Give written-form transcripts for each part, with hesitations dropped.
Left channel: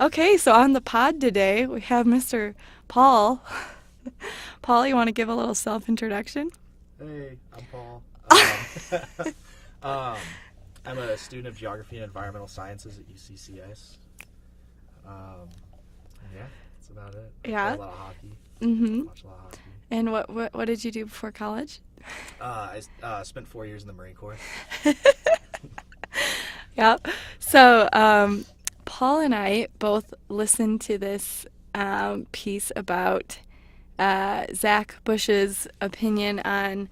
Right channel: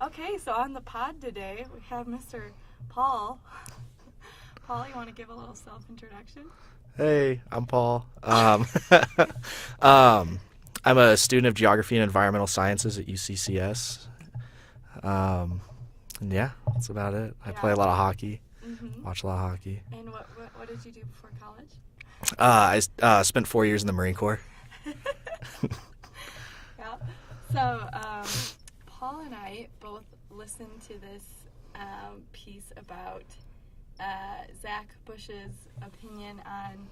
Okay, so on the pod today, we have Mr. Paul. Paul, you want to give a little self-introduction? Hey, I'm Paul. Um, I'm a student of geography and environmental sciences at UCCS. And yeah, that's about it. I play Yeah. a lot of hockey, Mm-hmm. watch a lot of hockey. And what did you do before college? I spent 4 years in the Marine Corps. Yeah. So, Paul and I both listened to this piece about Zach Bush's opinion on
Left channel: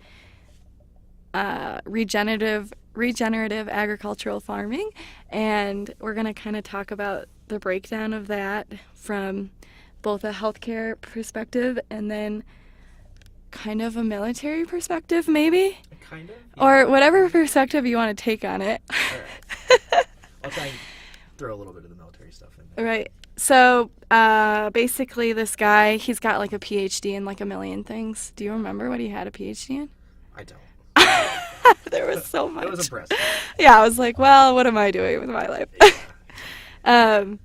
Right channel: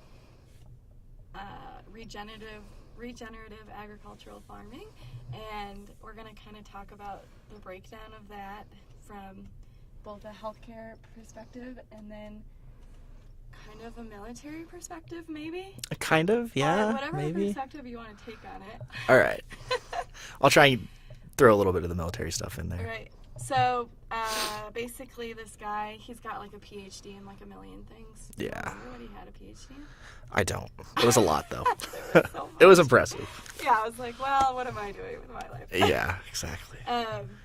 regenerative agricultural farming, and we're going to kind of talk about the breakdown of that from both a healthcare perspective and then kind of a military perspective, maybe, Kind of, or yeah, whatever maybe. perspective you want to take on it. All right. I'll try and throw a little bit of the military stuff in there. Right. So basically, this guy, he's got like a PhD in like a million things. Do you Yeah. remember what he had a PhD in? I don't. There was a lot, though. There was so much. It was impressive. Yeah, I was like, well, what am I doing with my life? Yeah, exactly.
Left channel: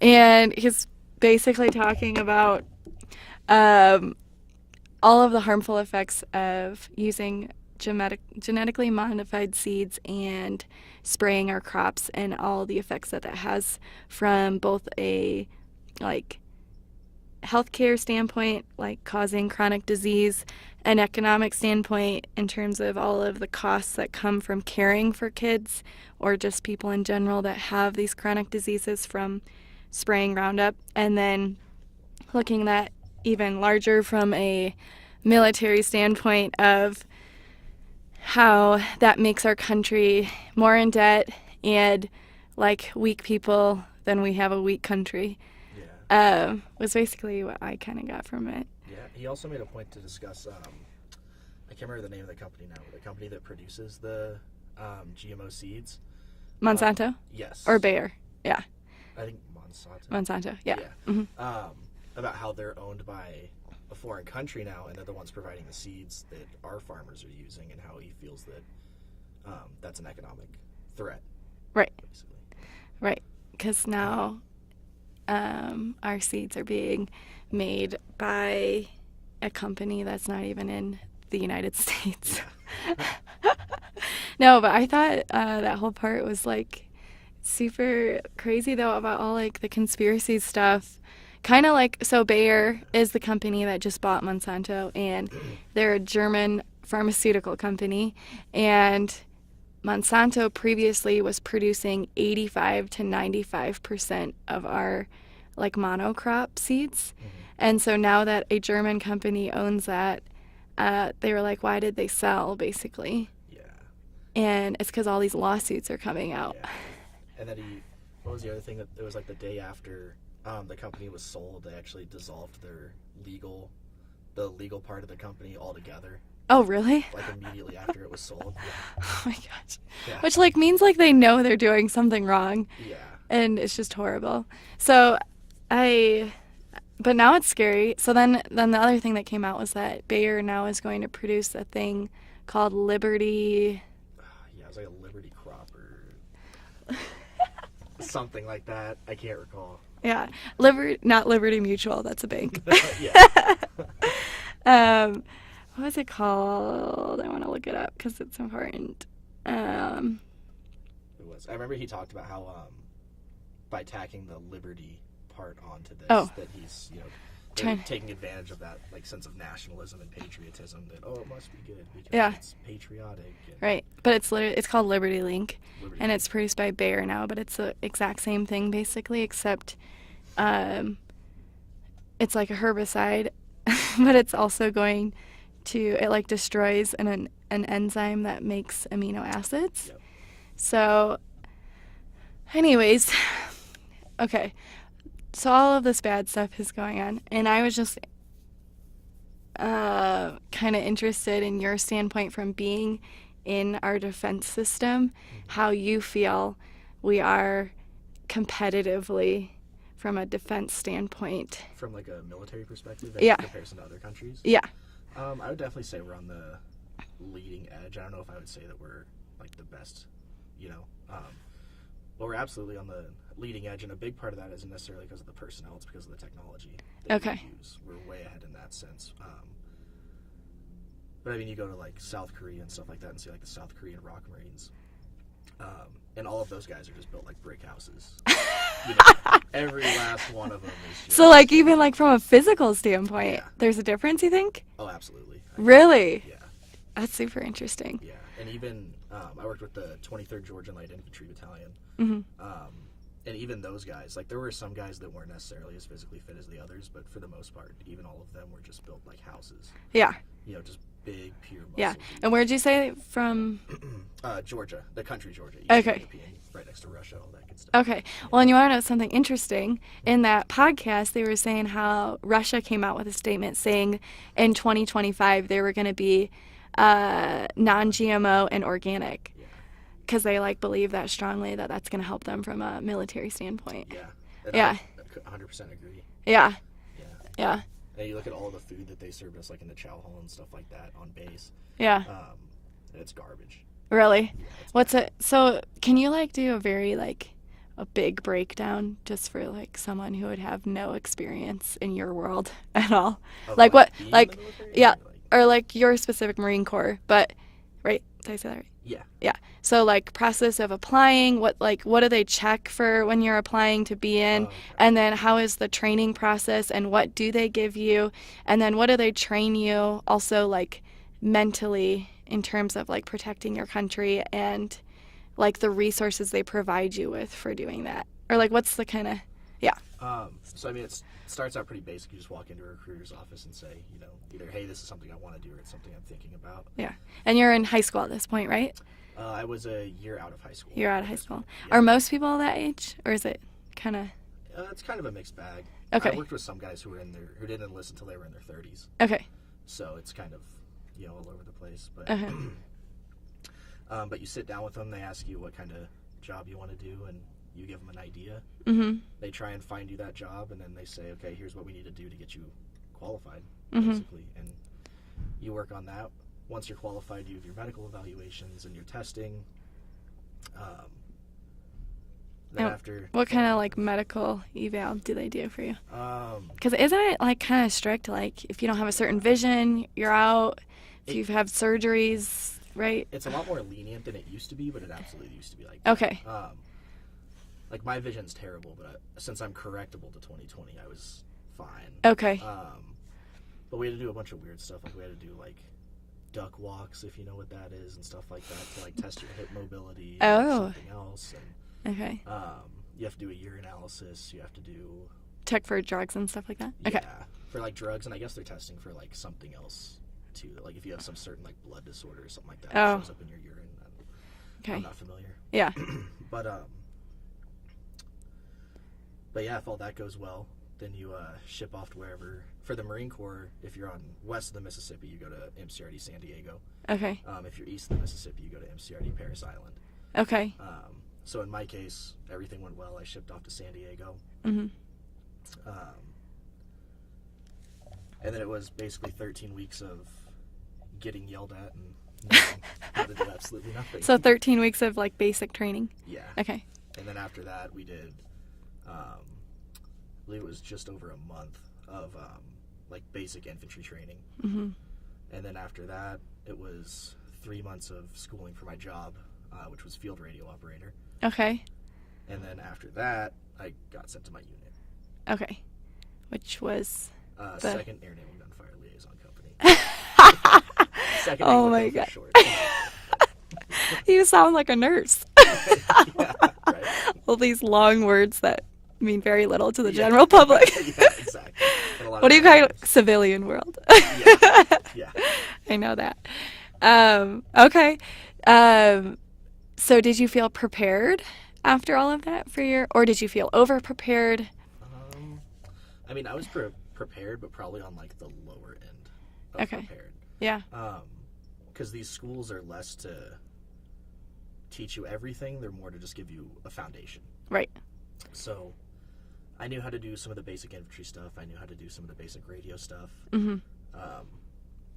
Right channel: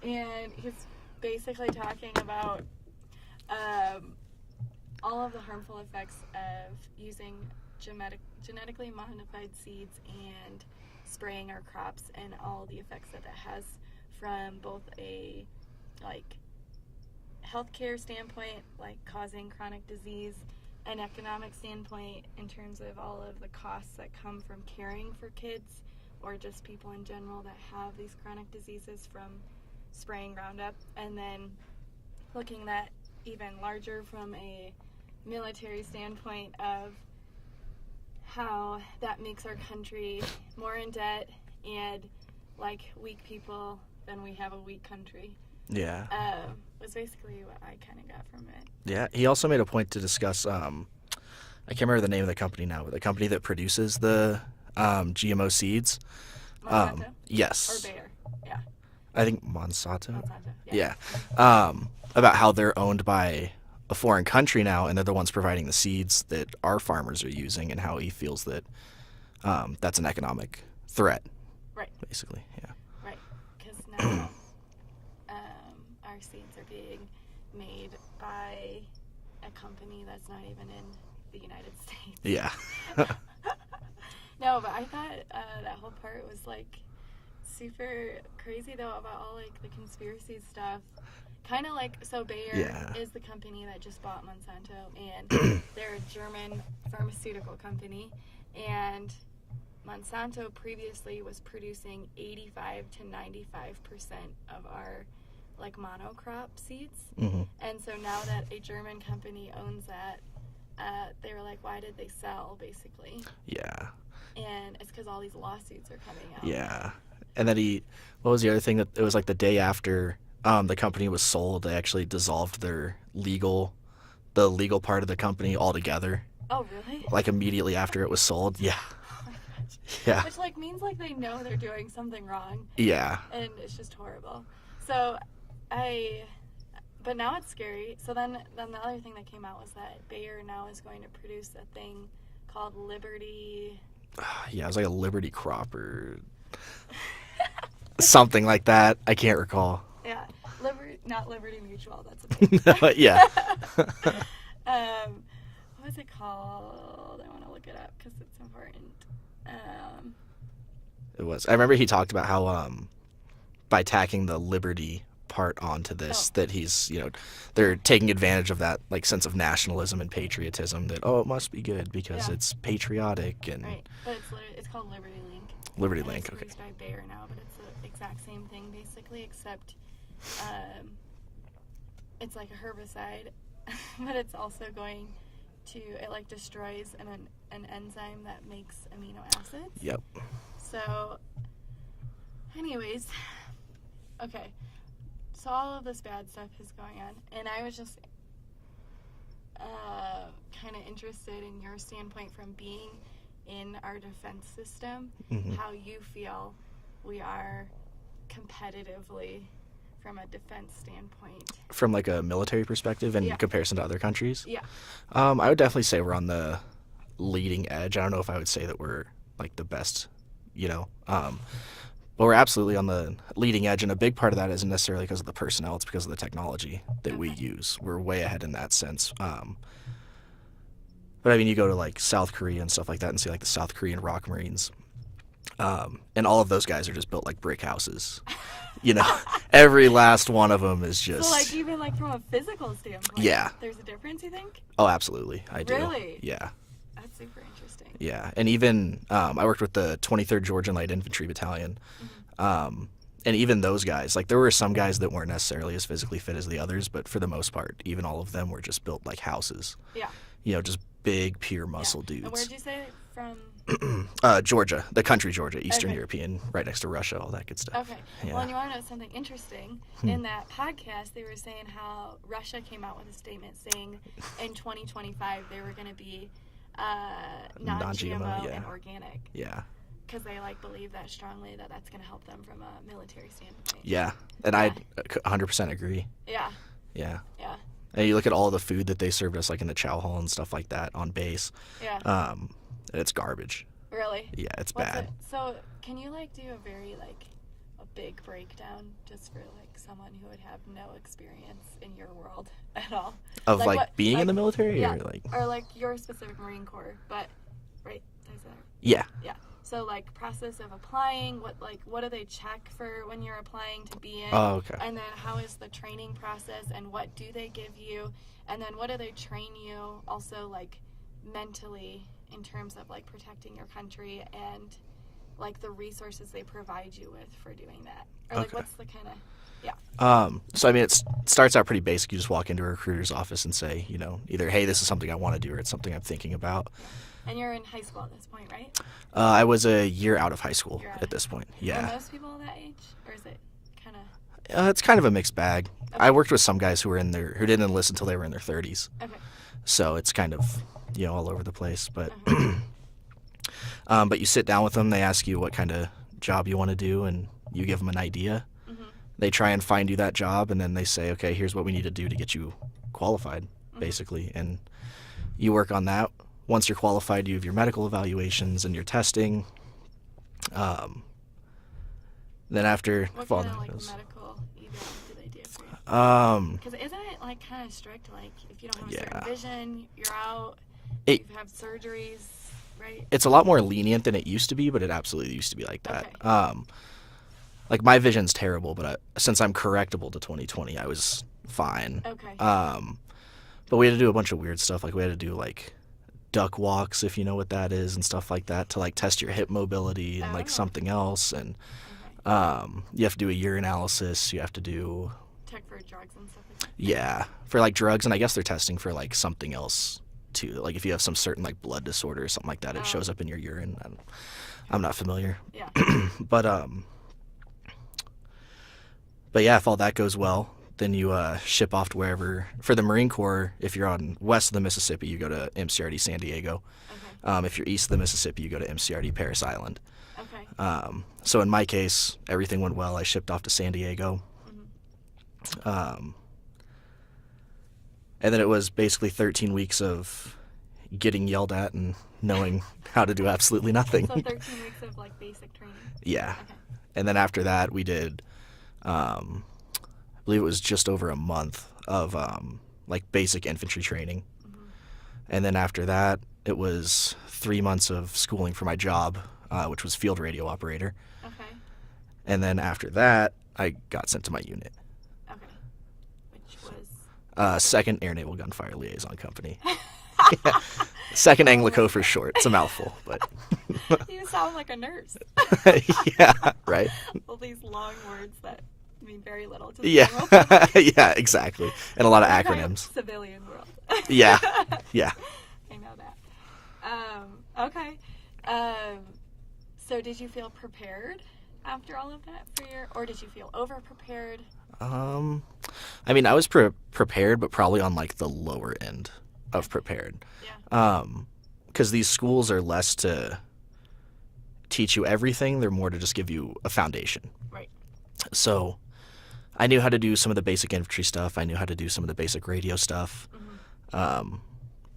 And he's basically talking about all of the harmful effects of using genetically modified seeds and spraying our crops, and all the effects that that has from both a like healthcare standpoint, like causing chronic disease, an economic standpoint in terms of all of the costs that come from caring for kids or just people in general that have these chronic diseases from spraying Roundup, and then looking at even larger from a military standpoint of how that makes our country more in debt and like weak people, then we have a weak country. Yeah. Was basically what I kind of got from it. Yeah, he also made a point to discuss. I can't remember the name of the company now, but the company that produces the GMO seeds. Monsanto Yes. or Bayer? Yeah, I think Monsanto. Monsanto. Yeah. Yeah. Mhm. About how they're owned by a foreign country now, and they're the ones providing the seeds that our farmers are using, and how he feels that that's an economic threat, Right. basically. Yeah. Right. Because now our seeds are being made by a company that's not even in the United States. Yeah. No, but I thought that whole part was like super crazy though, about all like the conspiracy stuff. Kind of like, so Bayer Yeah. is the company that just bought Monsanto, and they're a German pharmaceutical company, and Monsanto previously was producing 85 to 95% of our like monocrop seeds. Hmm. And so now that a German company owns that, they were like, why did they sell, basically? Yeah. And it's because all these lawsuits are coming out. Yeah. And then what was the other thing that it was like the day after the company was sold, they actually dissolved the legal part of the company altogether, Oh, really? like immediately after it was sold. Yeah. Oh my gosh. Yeah. Which like means like they know they're doing something wrong, Yeah. and it's just horrible. So but now it's scary. So then the other thing that came out was that Bayer now is going to produce a thing called Liberty. Yeah, it was like a Liberty crop or something like that. I can't recall. Yeah, not Liberty Mutual. That's a bank. Yeah. What was it called? I want to look it up because it's important. It was. I remember he talked about how by tacking the Liberty part onto this, Oh. that he's, they're Try- taking advantage of that like sense of nationalism and patriotism, that it must be good because Yeah. it's patriotic and Right, but it's called Liberty Link, Liberty and Link. it's produced by Bayer now. But it's the exact same thing basically, except it's like a herbicide, but it's also going to, it like destroys an enzyme that makes amino acids. Yep. So, anyways, okay. So all of this bad stuff is going on, and I was just kind of interested in your standpoint from being in our defense system, Mhm. how you feel we are competitively from a defense standpoint. From like a military perspective in Yeah. comparison to other countries. Yeah. I would definitely say we're on the leading edge. I don't know if I would say that we're like the best, you know. But we're absolutely on the leading edge, and a big part of that isn't necessarily because of the personnel; it's because of the technology that we Okay. use. We're way ahead in that sense. But I mean, you go to like South Korea and stuff like that, and see like the South Korean Rock Marines, and all of those guys are just built like brick houses. You know, every last one of them is just. So like even like from a physical standpoint, Yeah. there's a difference, you think? Oh, absolutely. I do. Really? Yeah. That's super interesting. Yeah, and even I worked with the 23rd Georgian Light Infantry Battalion, and even those guys, like there were some guys that weren't necessarily as physically fit as the others, but for the most part, even all of them were just built like houses. Yeah. You know, just big, pure muscle dudes. And where'd you say from? Georgia, the country Georgia, Eastern Okay. European, right next to Russia, all that good stuff. Okay. Yeah. Well, and you want to know something interesting? In that podcast, they were saying how Russia came out with a statement saying in 2025 they were going to be non-GMO and organic. Yeah. Because they like believe that strongly that that's going to help them from a military standpoint. Yeah, and Yeah. I 100% agree. Yeah. Yeah. Yeah. And you look at all the food that they served us, like in the chow hall and stuff like that on base. Yeah. And it's garbage. Really? Yeah, it's What's bad. it? So can you like do a very like a big breakdown just for like someone who would have no experience in your world at all? Of like what? being like in the military? yeah, Or like, or like your specific Marine Corps, but right? Did I say that right? yeah. Yeah. So like process of applying, what do they check for when you're applying to be in? Oh, okay. And then how is the training process and what do they give you? And then what do they train you also like mentally in terms of like protecting your country and like the resources they provide you with for doing that? Or like Okay. what's the kind of So I mean, it starts out pretty basic. You just walk into a recruiter's office and say, you know, either, hey, this is something I want to do, or it's something I'm thinking about. yeah. And you're in high school at this point, right? I was a year out of high school You're out at of high this school. point. Yeah. Are most people that age or is it kind of It's kind of a mixed bag. Okay. I worked with some guys who didn't enlist until they were in their 30s. Okay. So it's kind of, you know, all over the place. But Okay. but you sit down with them, they ask you what kind of job you want to do, and you give them an idea. Mhm. They try and find you that job, and then they say, okay, here's what we need to do to get you qualified, basically. And you work on that. Once you're qualified, you have your medical evaluations and your testing. Then Yeah. after What kind of following like those- medical eval do they do for you? Um, Because isn't it like kind of strict? Like if you don't have a certain Yeah. vision, you're out. It- You've had surgeries, right? it's a lot more lenient than it used to be, but it absolutely used to be like that. Okay. Like my vision's terrible, but since I'm correctable to 20/20, I was fine. Okay. But we had to do a bunch of weird stuff. Like we had to do like duck walks, if you know what that is, and stuff like that to like test your hip mobility and like Oh. something else. And Okay. you have to do a urinalysis. You have to do Check for drugs and stuff like that. Okay. yeah for like drugs, and I guess they're testing for like something else too. Like if you have some certain like blood disorder or something like that, it Oh. shows up in your urine. Okay. I'm not familiar. Yeah. But yeah, if all that goes well, then you ship off to wherever. For the Marine Corps, if you're on west of the Mississippi, you go to MCRD San Diego. Okay. If you're east of the Mississippi, you go to MCRD Paris Island. Okay. So in my case, everything went well. I shipped off to San Diego. Mhm. And then it was basically 13 weeks of getting yelled at and knowing how to do absolutely nothing. So 13 weeks of like basic training. Yeah. Okay. And then after that, we did, I believe it was just over a month of like basic infantry training. Mhm. And then after that, it was 3 months of schooling for my job, which was field radio operator. Okay. And then after that, I got sent to my unit, Okay. Which was 2nd Air Naval Gunfire Liaison Company. Yeah. 2nd Oh my Anglico for God. short. It's a mouthful, but you sound like a nurse. yeah, right. All these long words that mean very little to the Yeah. general public. Yeah, exactly. And a lot What do of you call it? acronyms. Civilian world. Yeah, yeah. I know that. Okay. So did you feel prepared after all of that or did you feel over prepared? I mean, I was prepared, but probably on like the lower end of Okay. prepared. Yeah. Because these schools are less to teach you everything; they're more to just give you a foundation. Right. So, I knew how to do some of the basic infantry stuff. I knew how to do some of the basic radio stuff. Mhm.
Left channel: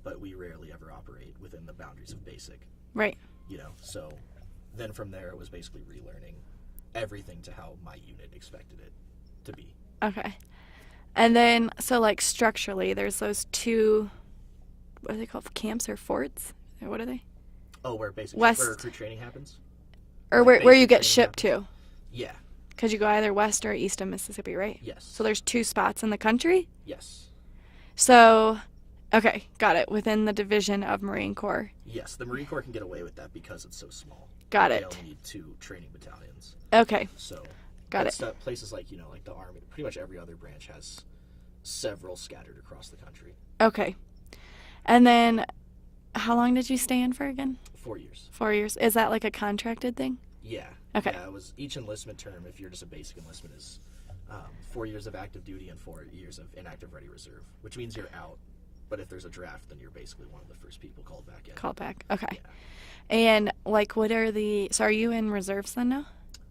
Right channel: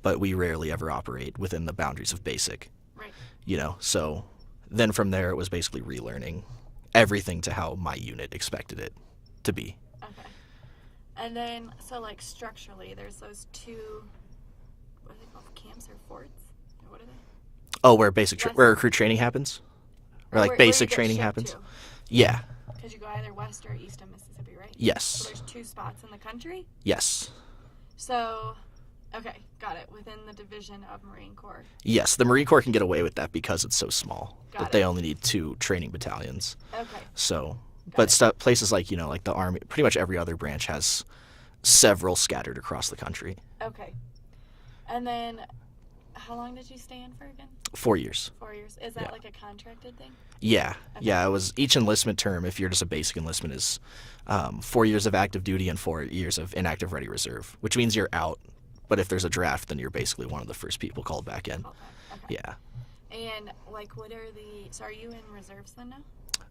But we rarely ever operate within the boundaries of basic. Right. You know, so then from there it was basically relearning everything to how my unit expected it to be. Okay. And then, so like structurally, there's those two, what are they called, camps or forts? Or what are they? Oh, where where recruit training happens? Or like where you get training shipped happens? to. Yeah. Because you go either west or east of Mississippi, right? Yes. So there's 2 spots in the country? Yes. So, okay, got it. Within the division of Marine Corps. Yes, the Marine Corps can get away with that because it's so small. Got it. They only need 2 training battalions. Okay. So, Got it. Places like, like the Army, pretty much every other branch has several scattered across the country. Okay. And then, how long did you stay in for again? 4 years. 4 years. Is that like a contracted thing? Yeah. Okay. Yeah, it was each enlistment term, if you're just a basic enlistment, is 4 years of active duty and 4 years of inactive ready reserve, which means you're out. But if there's a draft, then you're basically one of the first people called back in. Called back. Okay. Yeah. And like, what are the? So, are you in reserves then now?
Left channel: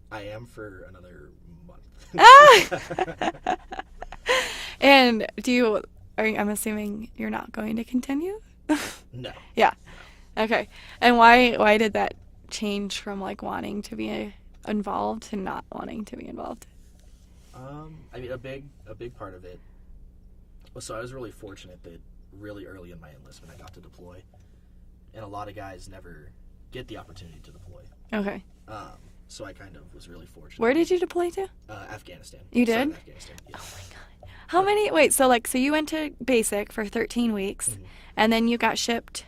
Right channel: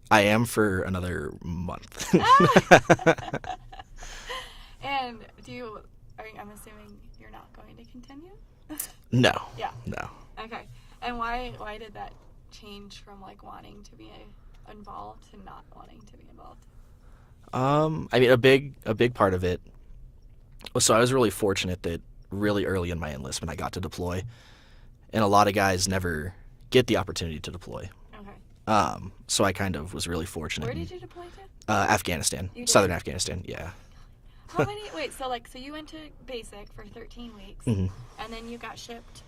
I am for another month. And I'm assuming you're not going to continue? No. Yeah. No. Okay. And why did that change from like wanting to be involved to not wanting to be involved? I mean, a big part of it. So I was really fortunate that really early in my enlistment I got to deploy, and a lot of guys never get the opportunity to deploy. Okay. So I kind of was really fortunate. Where did you deploy to? Afghanistan. You did? Southern Afghanistan. Yeah. How many? Wait. So you went to basic for 13 weeks, and then you got shipped.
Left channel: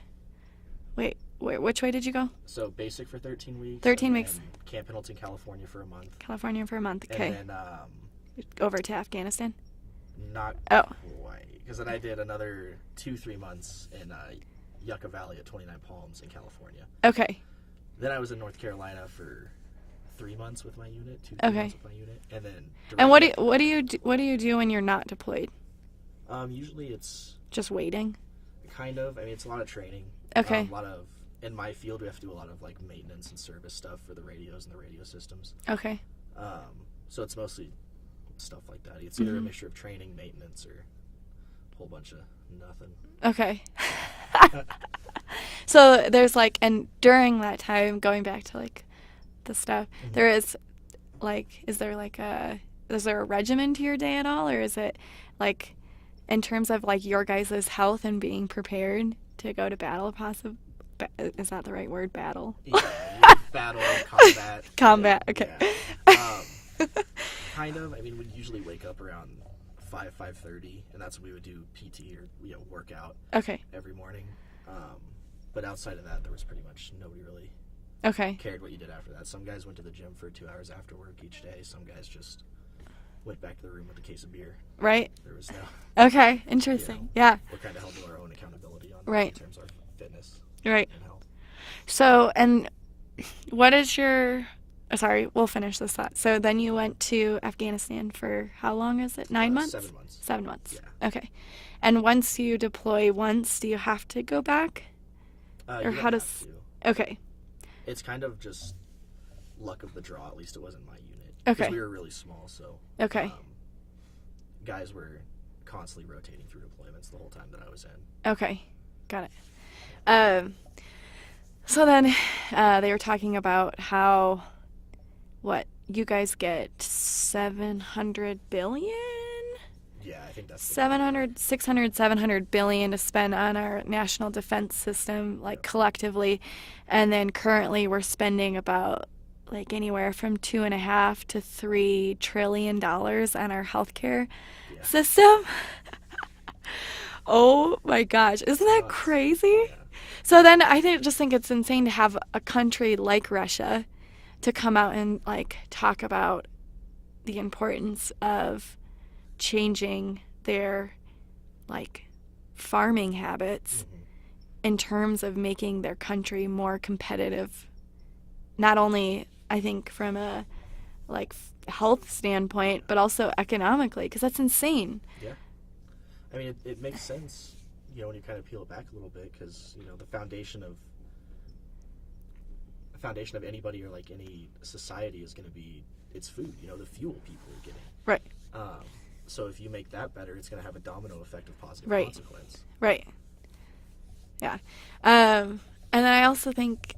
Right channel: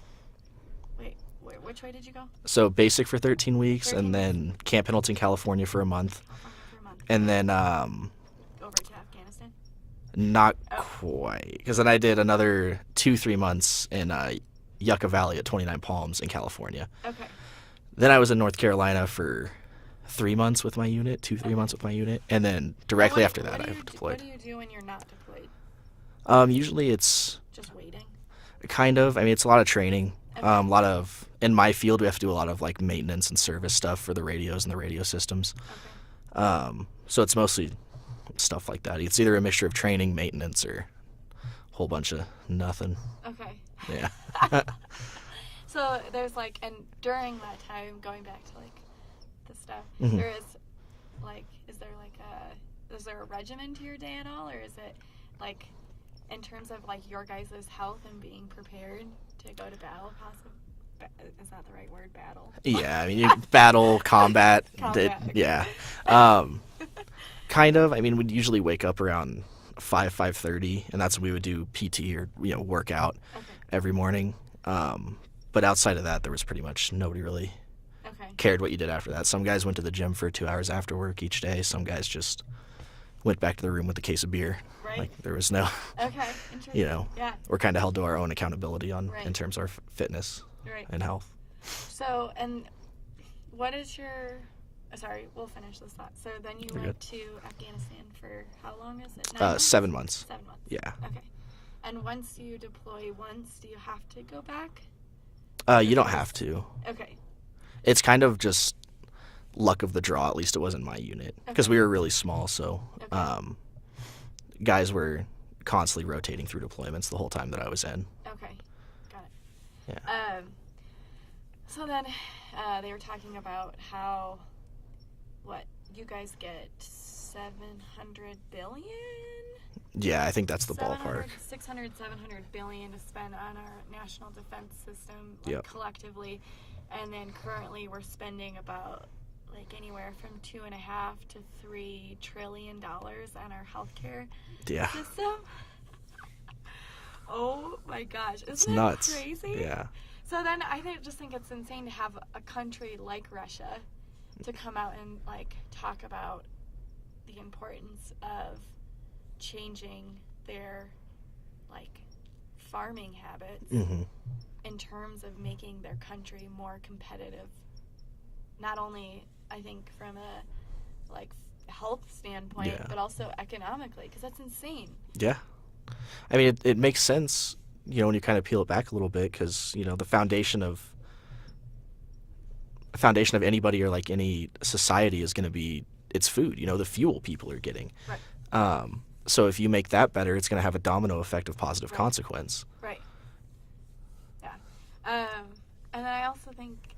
Wait. Which way did you go? So basic for 13 weeks, 13 and weeks. Then Camp Pendleton, California for a month. California for a month. And okay. then Over to Afghanistan. not quite, because then I did another 2-3 months in Yucca Valley at 29 Palms in California. Okay. Then I was in North Carolina for 3 months with my unit, 2-3 Okay. months with my unit, and then And directly after that, what I do you deployed. what do you do when you're not deployed? Usually it's Just waiting. kind of. I mean, it's a lot of training. Okay. A lot of in my field, we have to do a lot of like maintenance and service stuff for the radios and the radio systems. Okay. So it's mostly stuff like that. It's either a mixture of training, maintenance, or a whole bunch of nothing. Okay. Yeah. So there's and during that time, going back to the stuff, Mhm. there is is there a regimen to your day at all, or is it in terms of your guys' health and being prepared to go to battle? Is that the right word? Battle. Yeah, I mean, battle, combat. Combat. Okay. Yeah. Kind of. I mean, we'd usually wake up around 5:30, and that's when we would do PT or workout Okay. every morning. But outside of that, there was pretty much nobody really Okay. cared what you did after that. Some guys went to the gym for 2 hours after work each day. Some guys just went back to the room with a case of beer. Right. There was no. Okay. Interesting. Yeah. We're kind of held to our own accountability Right. in terms of our fitness Right. and health. So, and what is your? Sorry, we'll finish this thought. So then you went to Afghanistan for how long is it? 9 months? 7 months. 7 months. Yeah. Okay. And once you deploy do you have to go back? You don't how have does- to. Okay. It's kind of just luck of the draw. At least it wasn't my unit because Okay. we were really small. So Okay. guys were constantly rotating through deployments the whole time that I was in. Okay. Got it. Yeah. So then they were talking about how you guys get 700 billion? Yeah, I think that's the 700, ballpark. 600, 700 billion to spend on our national defense system, Yep. collectively. And then currently we're spending about anywhere from $2.5 to $3 trillion on our healthcare Yeah. system. Oh my gosh. Isn't It's that nuts. crazy? Yeah. So then I just think it's insane to have a country like Russia to come out and talk about the importance of changing their farming habits Hmm. in terms of making their country more competitive, not only I think from a health standpoint, Yeah. but also economically, because that's insane. Yeah. I mean, it makes sense, when you kind of peel it back a little bit, because the foundation of anybody or any society is going to be its food. The fuel people are getting. Right. So if you make that better, it's going to have a domino effect of positive Right. consequence. Right. Yeah. And then I also think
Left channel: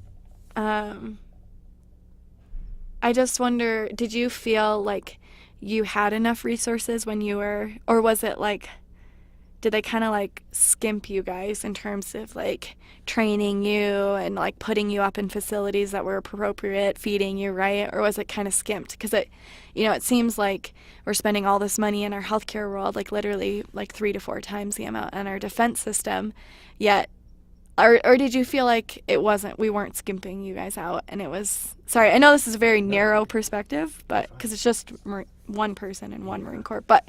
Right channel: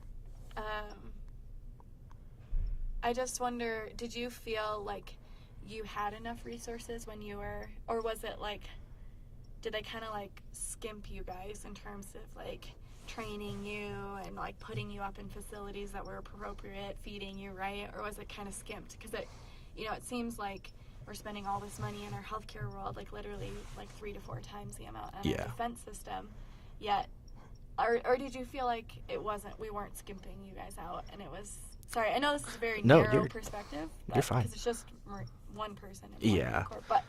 I just wonder, did you feel like you had enough resources when you were, or was it like, did they kind of like skimp you guys in terms of like training you and like putting you up in facilities that were appropriate, feeding you right, or was it kind of skimped? Because it seems like we're spending all this money in our healthcare world, like literally like 3 to 4 times the amount on our defense system, yet, or did you feel like we weren't skimping you guys out, and it was, sorry, I know this is a very narrow perspective, but because it's just one person in one Marine Corps, but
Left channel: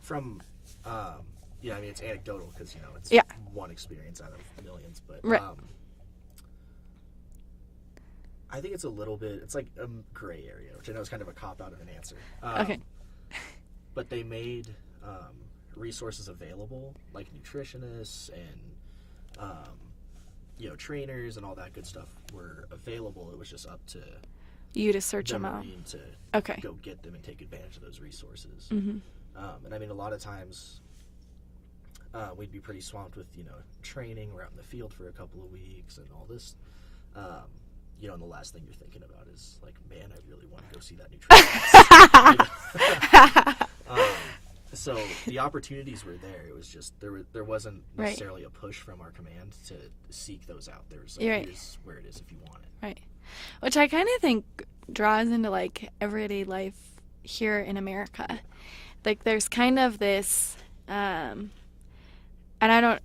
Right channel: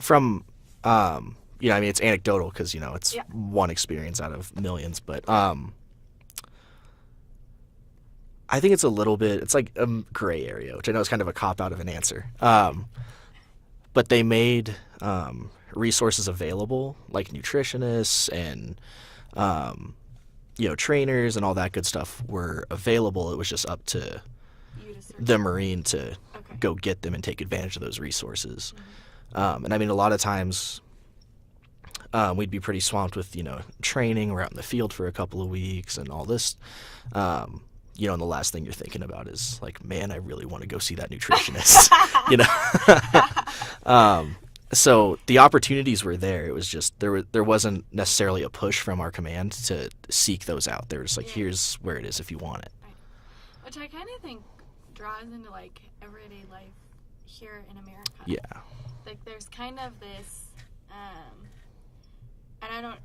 from, I mean, it's anecdotal because, it's one experience out of millions, but I think it's a little bit, it's like a gray area, which I know is kind of a cop-out of an answer. But they made resources available, like nutritionists and, trainers and all that good stuff were available. It was just up to you to search the Marine to Okay. go get them and take advantage of those resources. Mm-hmm. And I mean, a lot of times we'd be pretty swamped with, training. We're out in the field for a couple of weeks and all this. And the last thing you're thinking about is like, man, I really want to go see that nutritionist. So the opportunities were there. It was just there wasn't necessarily a push from our command to seek those out. There was like, here's where it is if you want it. Right. Which I kind of think draws into like everyday life here in America. Yeah. Like there's kind of this, and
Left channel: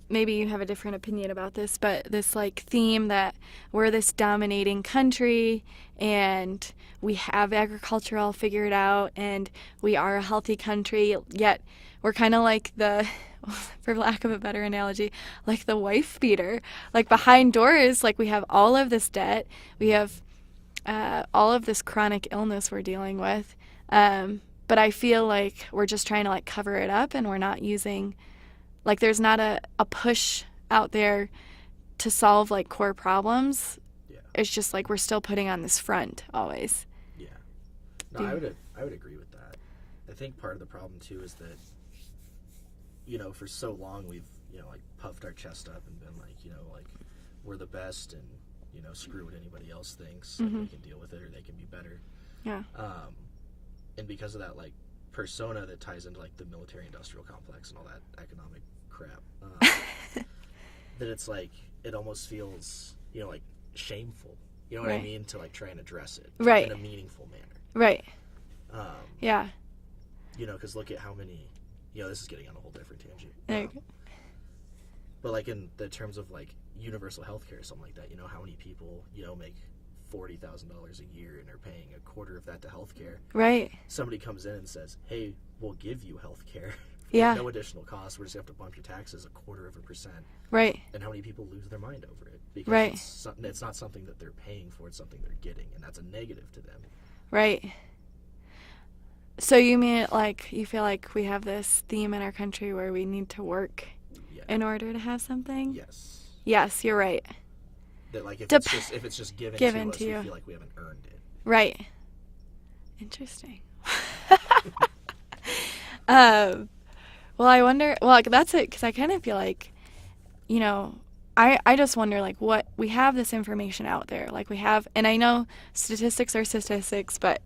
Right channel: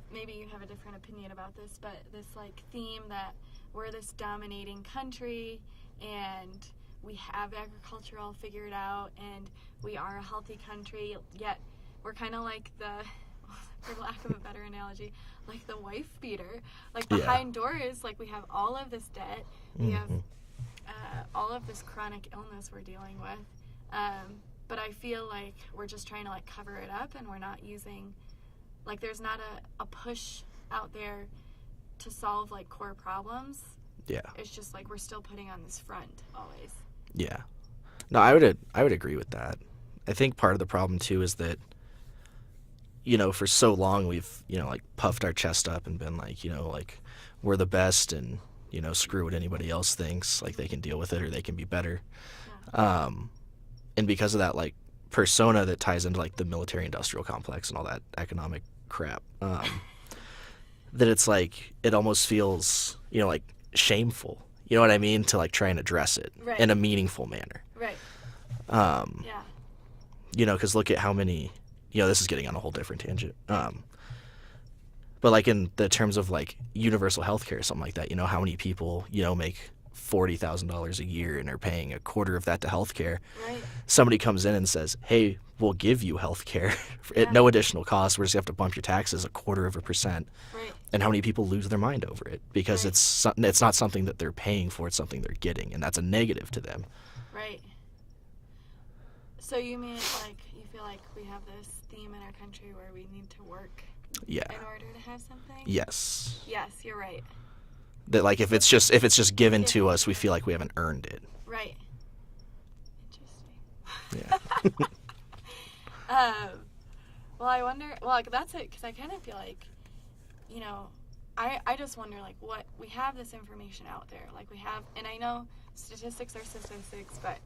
maybe you have a different opinion about this, but this like theme that we're this dominating country and we have agriculture all figured out and we are a healthy country, yet we're kind of like for lack of a better analogy, like the wife beater. Like behind doors, like we have all of this debt, we have all of this chronic illness we're dealing with, but I feel like we're just trying to like cover it up and we're not using, like there's not a push out there to solve like core problems. Yeah. It's just like we're still putting on this front always. Yeah. No, I would agree with that. I think part of the problem too is that, for so long we've, like puffed our chest up and been like, like we're the best and, screw what anybody else thinks. Like they can deal with it or they can be better. Yeah. And because of that like persona that ties into like the military industrial complex and all that economic crap, that it's like it almost feels, like shameful. You know what I mean? To like try and address it in a meaningful manner. Right. Yeah. Because look at how many, this is getting on a whole different tangent. But like in the terms of like universal health care or something like that, how many people, make $40,000 a year and are paying a quarter of that to health care. Right. Somebody comes in and says, hey, we'll give you health care at no additional cost. We're just going to have to bump your taxes 0.25%. Right. And how many people lose their mind over it because it's not something that they're paying for, it's something they're getting, and that's a negative to them. Right. So you mean like you feel like we have this theme in our country where we need to work in order to have something? Yes. Yes, you're right. That like if it's just given to us, we feel like we haven't earned it. Right. Interesting. Yeah. Well, I wonder. Well, like, that's it because I kind of feel like, I just wonder like what we have this information out there. Like we have, and I know statistics are statistics, but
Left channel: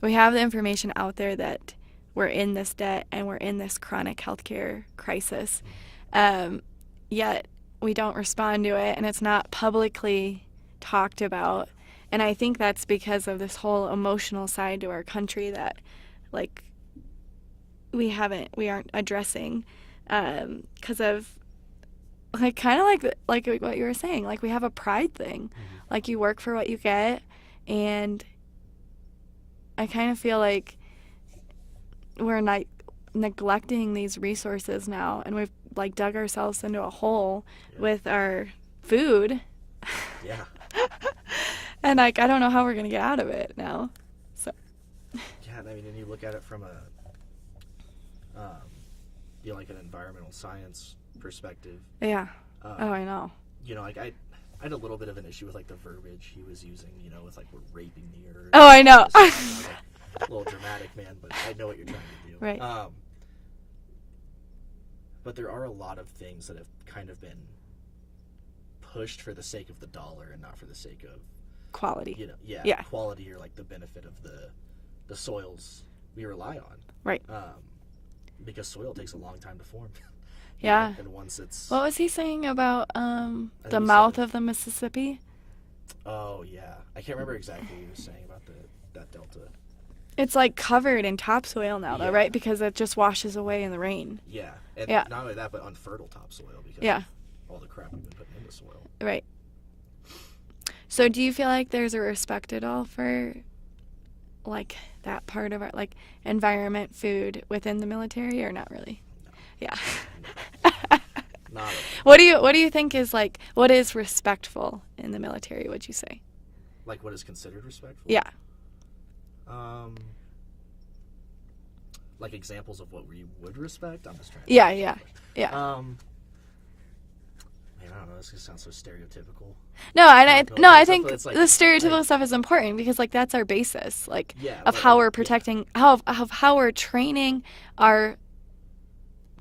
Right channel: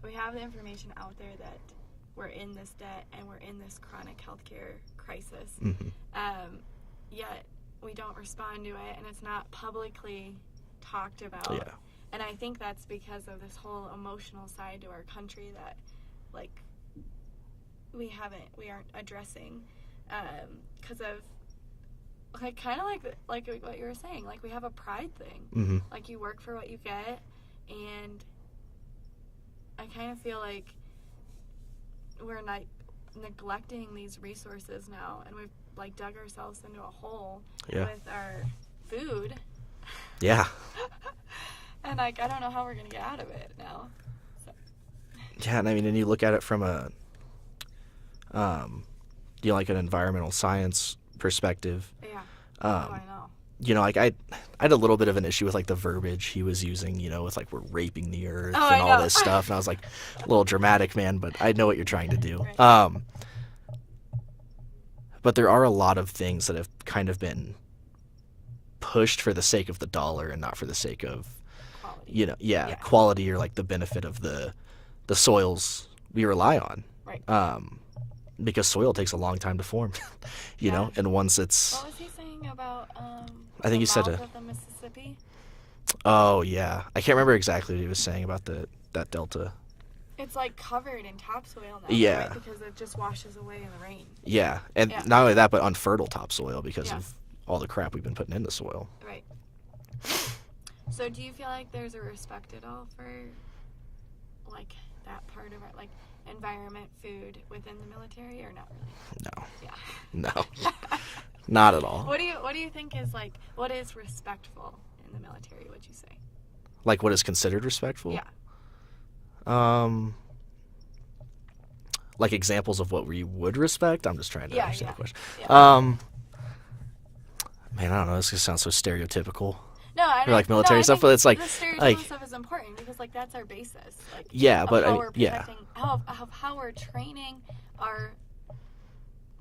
we have the information out there that we're in this debt and we're in this chronic healthcare crisis. Mm-hmm. Yet we don't respond to it and it's not publicly talked about. Yeah. And I think that's because of this whole emotional side to our country that like we aren't addressing because of like kind of like what you were saying, like we have a pride thing. Mm-hmm. Like you work for what you get, and I kind of feel like we're not neglecting these resources now, and we've like dug ourselves into a hole with our food. Yeah. And like I don't know how we're gonna get out of it now. So. Yeah, and I mean, and you look at it from a, like an environmental science perspective. Yeah. I know. Like I had a little bit of an issue with like the verbiage he was using, with like we're raping the earth. Oh, and I all know. This stuff. And I was like, a little dramatic, man, but I know what you're trying to do. Right. But there are a lot of things that have kind of been pushed for the sake of the dollar and not for the sake of quality. Yeah. Quality or like the benefit of the soils we rely on. Right. Because soil takes a long time to form. you Yeah. know, and once it's What was he saying about I the think mouth of the Mississippi? Oh yeah, I can't remember exactly what he was saying about that delta. It's like covered in topsoil now, though, Yeah. right? Because it just washes away in the rain. Yeah, and Yeah. not only that, but unfertile topsoil because Yeah. of all the crap we've been putting in the soil. Right. So do you feel like there's a respect at all for like that part of our like environment, food within the military, or not really? No. Yeah. No. Not at all. What do you think is like what is respectful in the military, would you say? Like what is considered respectful? Yeah. Like examples of what we would respect? I'm just trying to Yeah, understand yeah. the question. Yeah. Man, I don't know. This just sounds so stereotypical. No, and like I military stuff, think but it's like the stereotypical like- stuff is important because like that's our basis, like Yeah, of but how we're yeah. protecting of how we're training our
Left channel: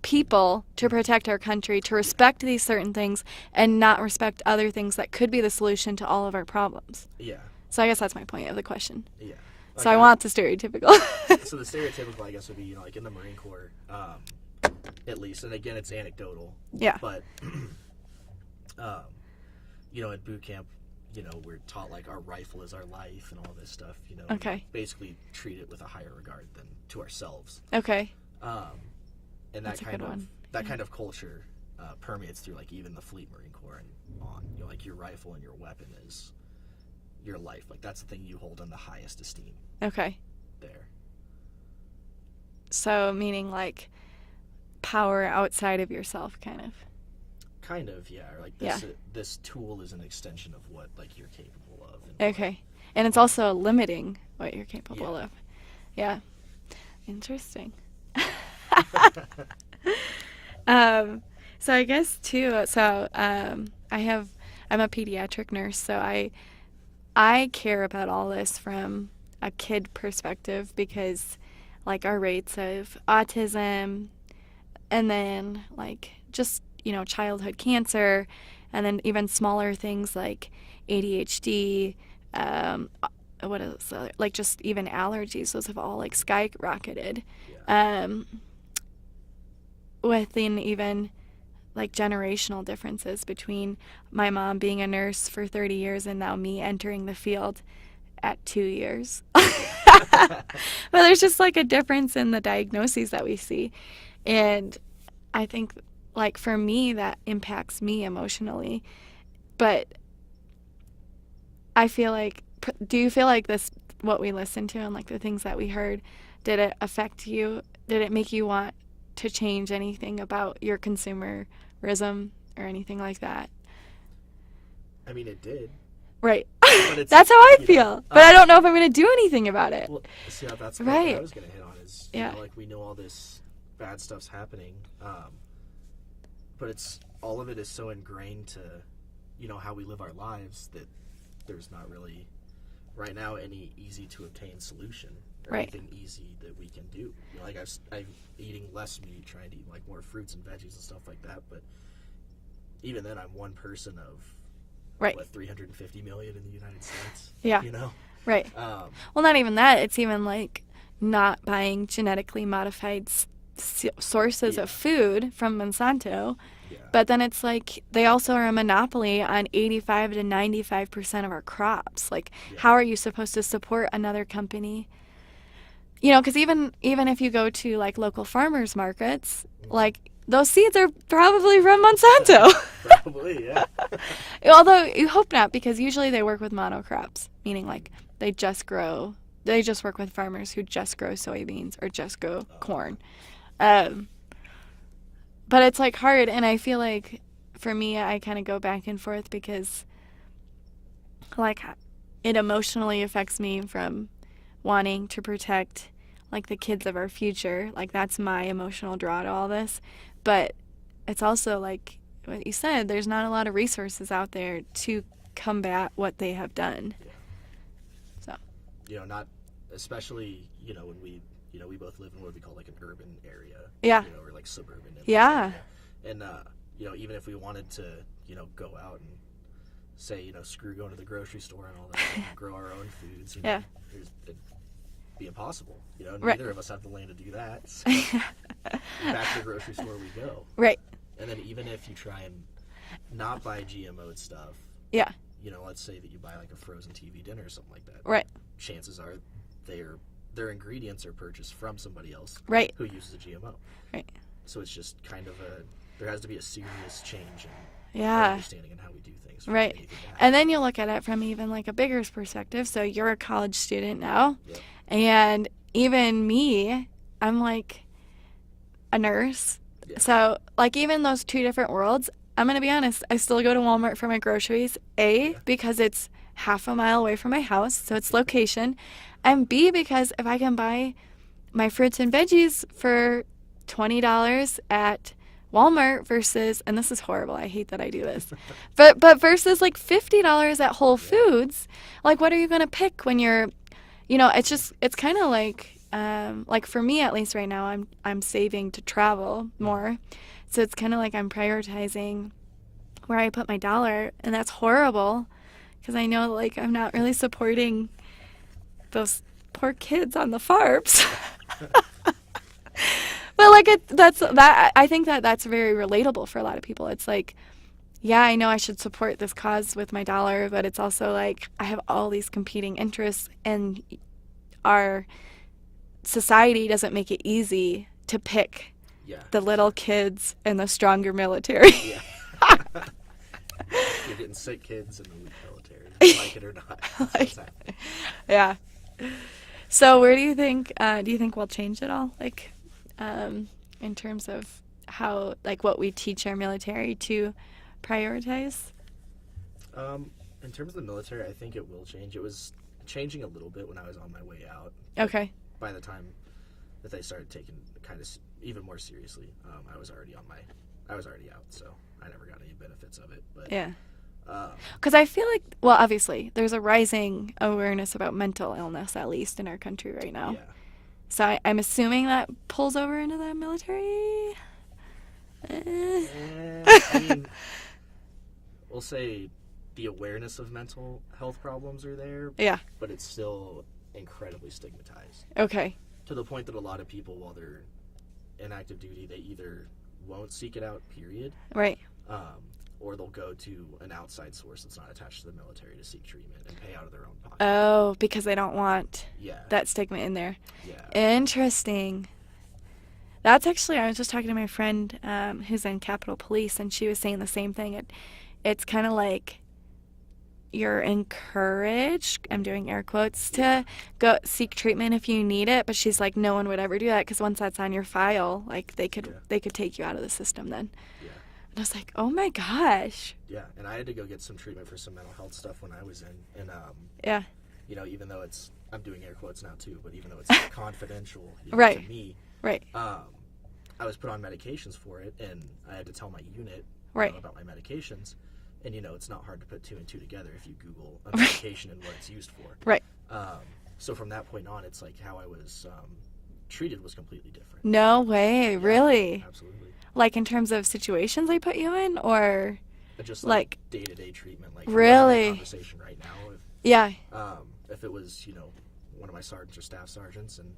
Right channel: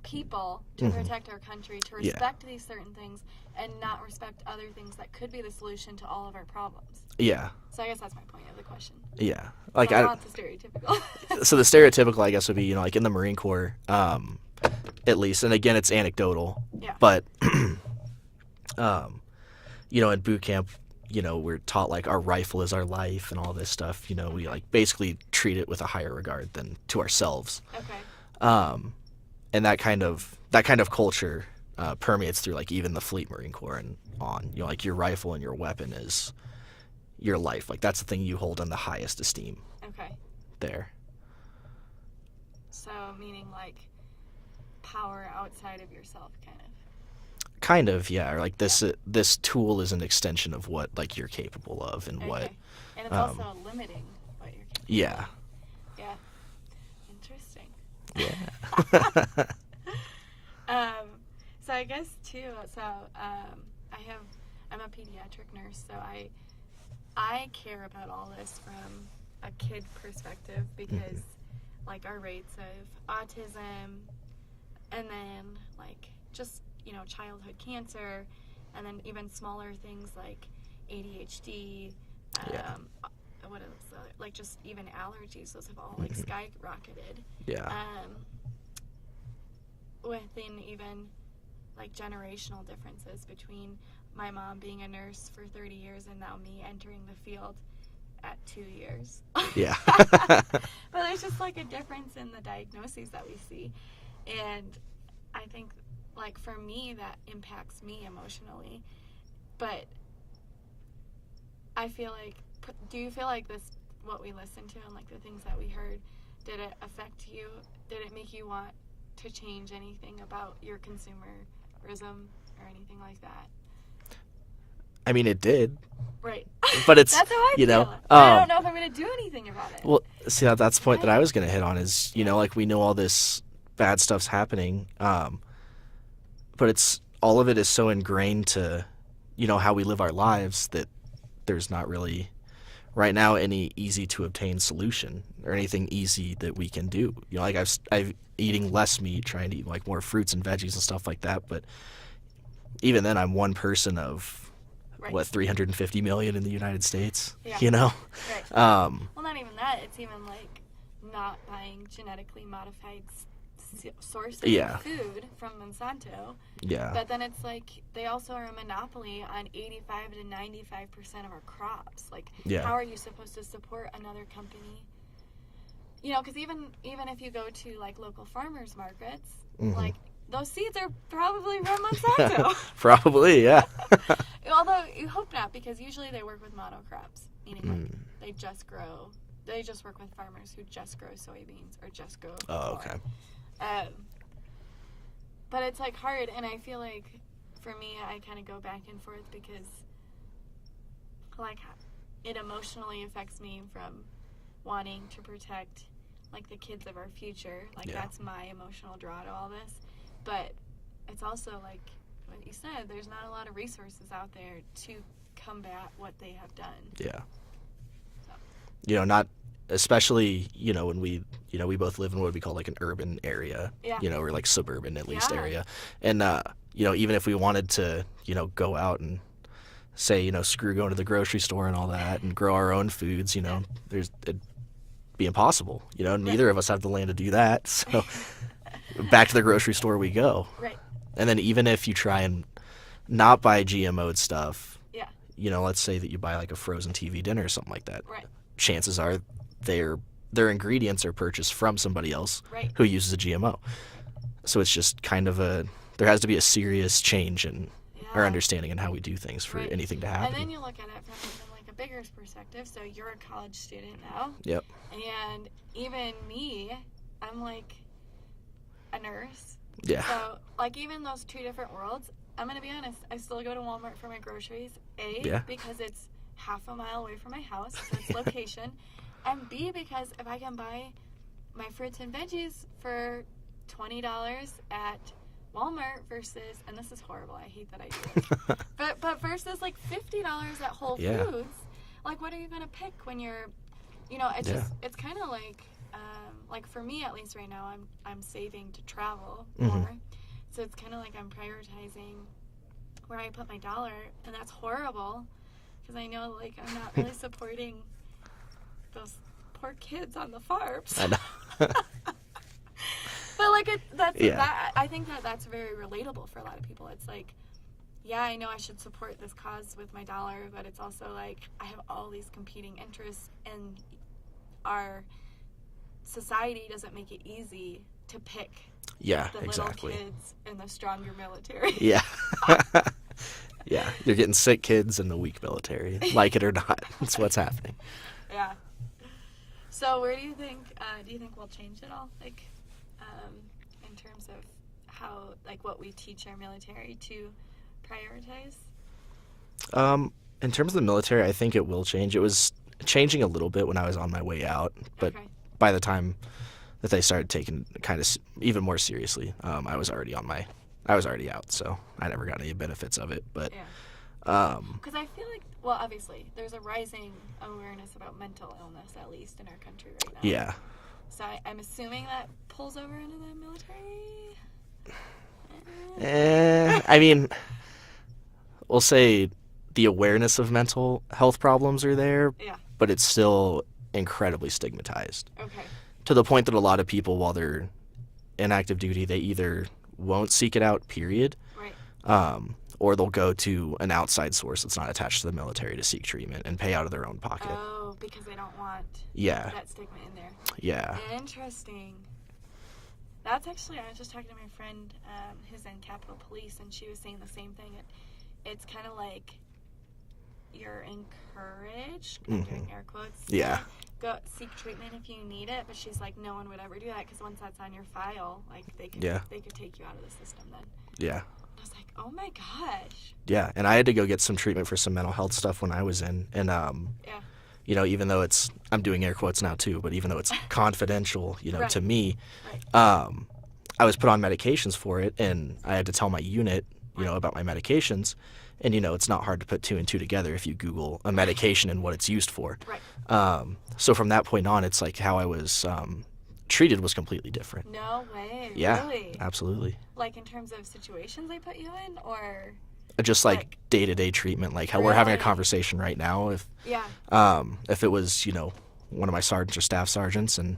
people to Mm-hmm. protect our country, to respect these certain things and not respect other things that could be the solution to all of our problems. Yeah. So I guess that's my point of the question. Yeah. So I want the stereotypical. So the stereotypical, I guess, would be, like in the Marine Corps, at least, and again, it's anecdotal. Yeah. But, in boot camp, we're taught like our rifle is our life and all this stuff. We Okay. like basically treat it with a higher regard than to ourselves. Okay. And that kind of culture permeates through like even the Fleet Marine Corps and on. Like your rifle and your weapon is your life. Like that's the thing you hold in the highest esteem. Okay. There. So meaning like power outside of yourself, kind of. Kind of, yeah. Or like this tool is an extension of what like you're capable of and Okay. And it's also limiting what you're capable Yeah. of. Yeah. Interesting. So I guess too, I'm a pediatric nurse, so I care about all this from a kid perspective because like our rates of autism and then like just, childhood cancer and then even smaller things like ADHD, what else? Like just even allergies, those have all like skyrocketed. Yeah. Within even like generational differences between my mom being a nurse for 30 years and now me entering the field at 2 years. Yeah. But there's just like a difference in the diagnoses that we see. And I think like for me that impacts me emotionally. But I feel like, do you feel like this, what we listened to and like the things that we heard, did it affect you? Did it make you want to change anything about your consumerism or anything like that? I mean, it did. Right. But it's that's how I feel. But I don't know if I'm going to do anything about it. Well, see, that's the point that I Right. was going to hit on is, like we know all this bad stuff's happening, but it's all of it is so ingrained to, how we live our lives that there's not really right now any easy to obtain solution or Right. anything easy that we can do. Like I've eating less meat, trying to eat like more fruits and veggies and stuff like that. But even then, I'm one person of Right. 350 million in the United States. Yeah. Right. Well, not even that. It's even like not buying genetically modified sources Yeah. of food from Monsanto. Yeah. But then it's like they also are a monopoly on 85 to 95% of our crops. Like, Yeah. how are you supposed to support another company? Because even if you go to like local farmers markets, Mhm. like those seeds are probably from Monsanto. Probably, yeah. Although you hope not, because usually they work with monocrops, meaning like Mm. they just work with farmers who just grow soybeans or just grow corn. But it's like hard, and I feel like for me, I kind of go back and forth because like it emotionally affects me from wanting to protect like the kids of our future. Like Yeah. that's my emotional draw to all this. But it's also like what you said, there's not a lot of resources out there to combat what they have done. Yeah. So. Not especially, when we both live in what we call like an urban area. Yeah. Or like suburban at least Yeah. area. And even if we wanted to, go out and say, screw going to the grocery store and all that and grow our own foods, Yeah. it'd be impossible. Right. Neither of us have the land to do that. So back to the grocery store we go. Right. And then even if you try and not buy GMO'd stuff, Yeah. let's say that you buy like a frozen TV dinner or something like that. Right. Chances are their ingredients are purchased from somebody else Right. who uses a GMO. Right. So it's just kind of there has to be a serious change in our understanding and how we do things for Right. anything to happen. And then you look at it from even like a bigger perspective. So you're a college student now. Yep. And even me, I'm like a nurse. Yeah. So like even those two different worlds, I'm going to be honest, I still go to Walmart for my groceries. A, because it's half a mile away from my house, so it's location. And B, because if I can buy my fruits and veggies for $20 at Walmart versus, and this is horrible, I hate that I do this, but versus like $50 at Whole Foods, like what are you going to pick when you're, it's just, it's kind of like for me at least right now, I'm saving to travel more. So it's kind of like I'm prioritizing where I put my dollar, and that's horrible because I know like I'm not really supporting those poor kids on the farms. But like that, I think that's very relatable for a lot of people. It's like, yeah, I know I should support this cause with my dollar, but it's also like I have all these competing interests, and our society doesn't make it easy to pick the little kids and the stronger military. Yeah. Yeah. You're getting sick kids and the weak military, like it or not. That's what's happening. Yeah. So where do you think we'll change it all? Like, in terms of how, like, what we teach our military to prioritize? In terms of the military, I think it will change. It was changing a little bit when I was on my way out. Okay. By the time that they started taking kind of even more seriously, I was already out, so I never got any benefits of it. But yeah. Because I feel like, well, obviously, there's a rising awareness about mental illness, at least in our country right now. Yeah. So I'm assuming that pulls over into the military? I mean, we'll say the awareness of mental health problems are there. Yeah. But it's still incredibly stigmatized. Okay. To the point that a lot of people, while they're in active duty, they either won't seek it out, period. Right. Or they'll go to an outside source that's not attached to the military to seek treatment and pay out of their own pocket. Oh, because they don't want Yeah. that stigma in there. Yeah. Interesting. That's actually, I was just talking to my friend who's in Capitol Police, and she was saying the same thing. It's kind of like you're encouraged, I'm doing air quotes, to go seek treatment if you need it, but she's like, no one would ever do that because once that's on your file, like they could take you out of the system then. Yeah. And I was like, oh my gosh. Yeah, and I had to go get some treatment for some mental health stuff when I was in, and yeah. Even though I'm doing air quotes now too, but even though it's confidential, right. to me, right. I was put on medications for it, and I had to tell my unit, about my medications, and it's not hard to put two and two together if you Google a medication and what it's used for. Right. So from that point on, it's like how I was treated was completely different. No way, yeah, really? Absolutely. Like in terms of situations they put you in, or just like day-to-day treatment, like how really? we're having a conversation right now. If it was one of my sergeants or staff sergeants and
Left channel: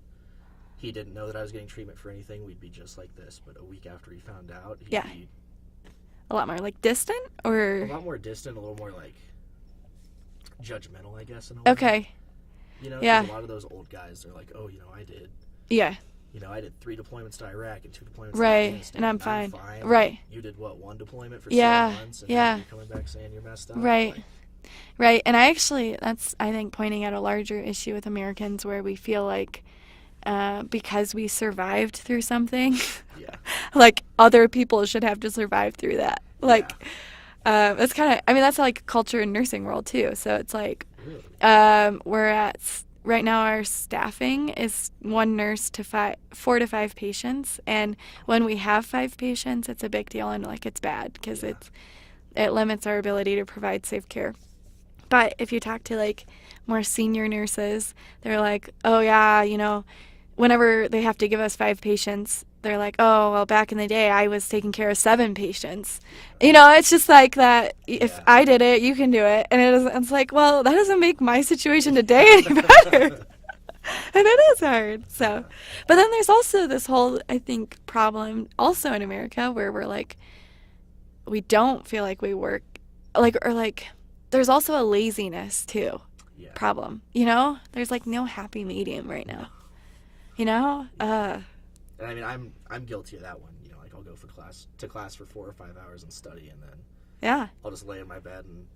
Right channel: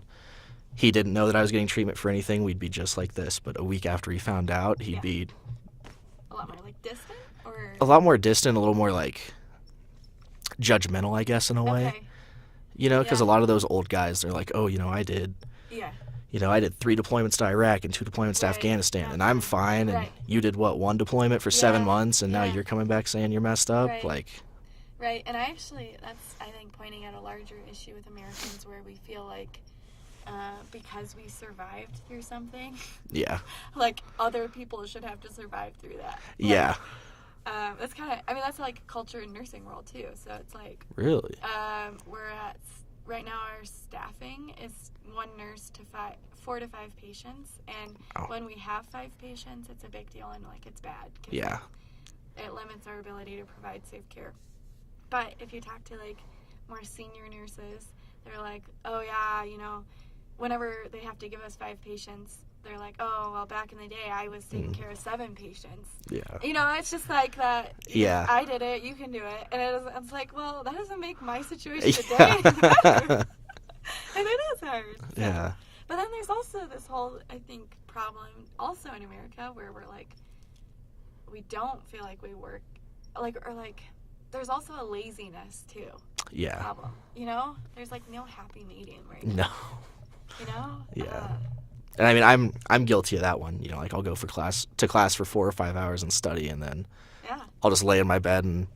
he didn't know that I was getting treatment for anything, we'd be just like this. But a week after he found out, he'd be a lot more like distant, or a lot more distant, a little more like judgmental, I guess, in a way. Okay. Because a lot of those old guys, they're like, oh, I did. Yeah. I did 3 deployments to Iraq and 2 deployments to Afghanistan, and I'm fine. Right. And you did, 1 deployment for 7 months, and now you're coming back saying you're messed up? Right. Right. And that's, I think, pointing at a larger issue with Americans where we feel like because we survived through something, like other people should have to survive through that. Yeah. That's kind of, that's like culture in nursing world too. So it's like, really? We're at, right now our staffing is 1 nurse to 4 to 5 patients. And when we have 5 patients, it's a big deal, and like it's bad because it limits our ability to provide safe care. But if you talk to like more senior nurses, they're like, oh yeah, whenever they have to give us 5 patients, they're like, oh, well, back in the day, I was taking care of 7 patients. Yeah. You know, it's just like that. Yeah. If I did it, you can do it. And it's like, well, that doesn't make my situation today any better. And it is hard. So, Yeah. but then there's also this whole, I think, problem also in America where we're like, we don't feel like we work, like, or like, there's also a laziness too. Yeah. Problem. You know, there's like no happy medium right now. No. You know. Yeah. And I mean, I'm guilty of that one. You know, like I'll go for class for 4 or 5 hours and study, and then Yeah. I'll just lay in my bed and,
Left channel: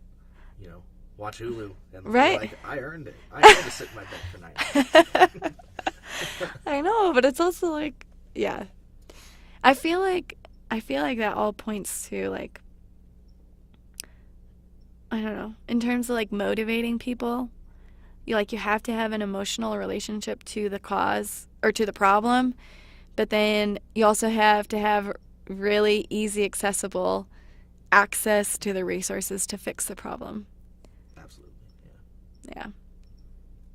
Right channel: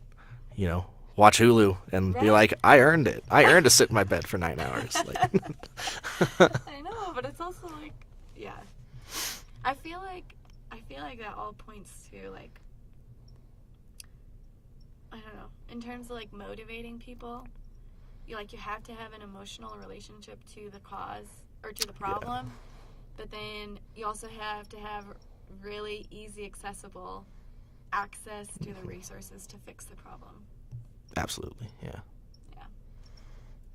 you know, watch Hulu and Right. be like, I earned it. I earned to sit in my bed for 9 hours. Like, I know, but it's also like, yeah. I feel like that all points to like, I don't know, in terms of like motivating people, you have to have an emotional relationship to the cause or to the problem, but then you also have to have really easy, accessible access to the resources to fix the problem. absolutely, yeah. Yeah.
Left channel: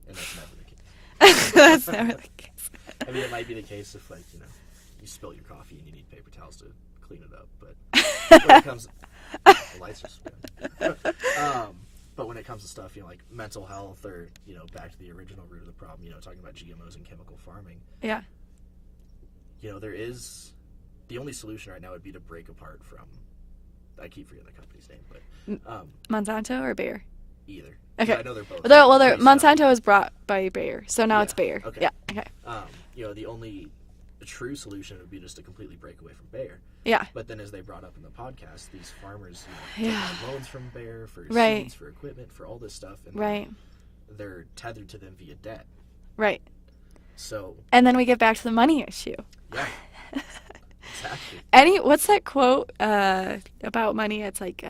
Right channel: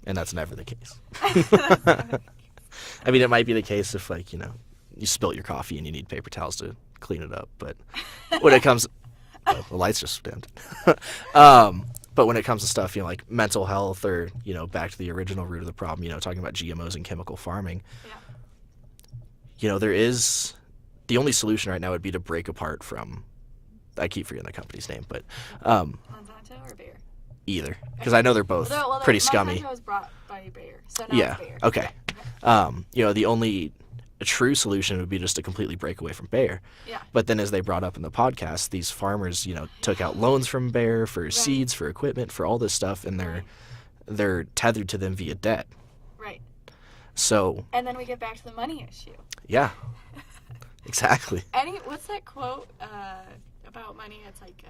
And that's never the case. That's never the case. I mean, it might be the case if, like, you know, you spilt your coffee and you need paper towels to clean it up, but when it comes, the lights just dimmed. But when it comes to stuff, you know, like mental health or, you know, back to the original root of the problem, you know, talking about GMOs and chemical farming, Yeah. you know, the only solution right now would be to break apart from, I keep forgetting the company's name, but Monsanto or Bayer? either, because Okay. I know they're both Well, pretty scummy. Monsanto was brought by Bayer, so now it's Yeah, Bayer. okay. Yeah. Okay. You know, the only true solution would be just to completely break away from Bayer. Yeah. But then, as they brought up in the podcast, these farmers, you know, took Yeah. out loans from Bayer for Right. seeds, for equipment, for all this stuff, and Right. they're tethered to them via debt. Right. So, And then we get back to the money issue. yeah, exactly. What's that quote about money? It's like,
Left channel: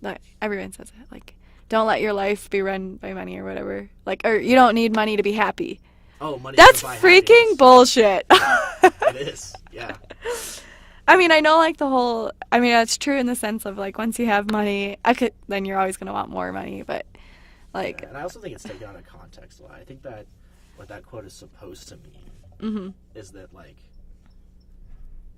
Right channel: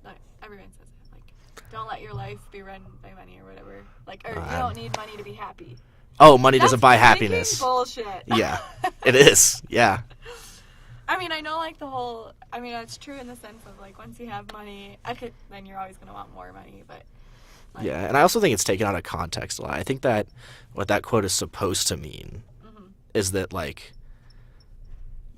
like everyone says it, like, don't let your life be run by money or whatever. Like, or you don't need money to be happy. Oh, money That's doesn't buy freaking happiness. bullshit. Yeah, it is. Yeah, I mean, I know, like, that's true in the sense of, like, once you have money, then you're always going to want more money, but, like. yeah. And I also think it's taken out of context a lot. I think that what that quote is supposed to mean is that, like,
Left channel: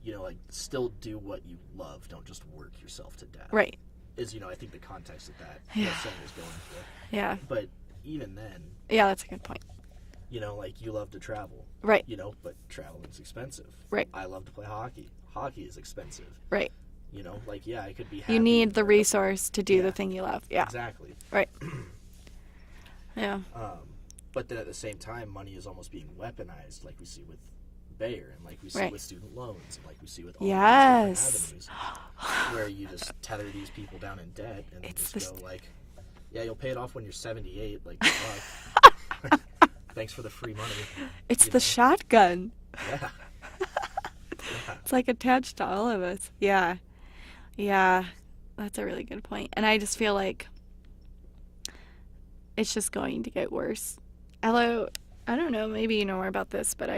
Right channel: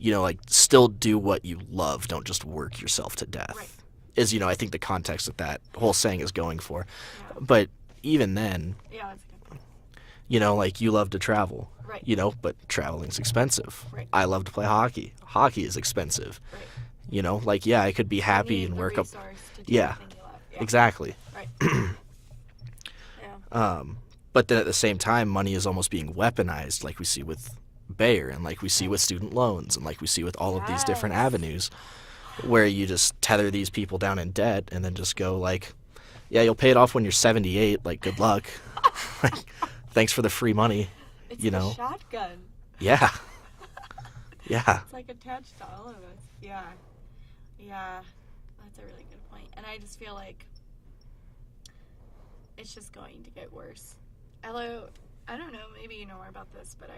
you know, like, still do what you love. Don't just work yourself to death. Right. Is, you know, I think the context that whole saying is going for. Yeah. But even then, Yeah, that's a good point. you know, like, you love to travel. Right. You know, but traveling's expensive. Right. I love to play hockey. Hockey is expensive. Right. You know, like, yeah, I could be happy. You need and the work resource to do Yeah. the thing you love. Yeah. Exactly. Right. Yeah. But then at the same time, money is almost being weaponized, like we see with Bayer and like we see Right. with student loans and like we see with all of these different Yes. avenues where you just tether these people down in debt and then just go like, yeah, you'll pay it off when you're 78. Like, good luck. Like, thanks for the free money. It's you the know? shotgun. Yeah. Yeah. It's like attached to all of us. Yeah. Yeah. That's a really good point. And I just feel like it's just going to get worse. Although, I don't know, maybe you know more about this, but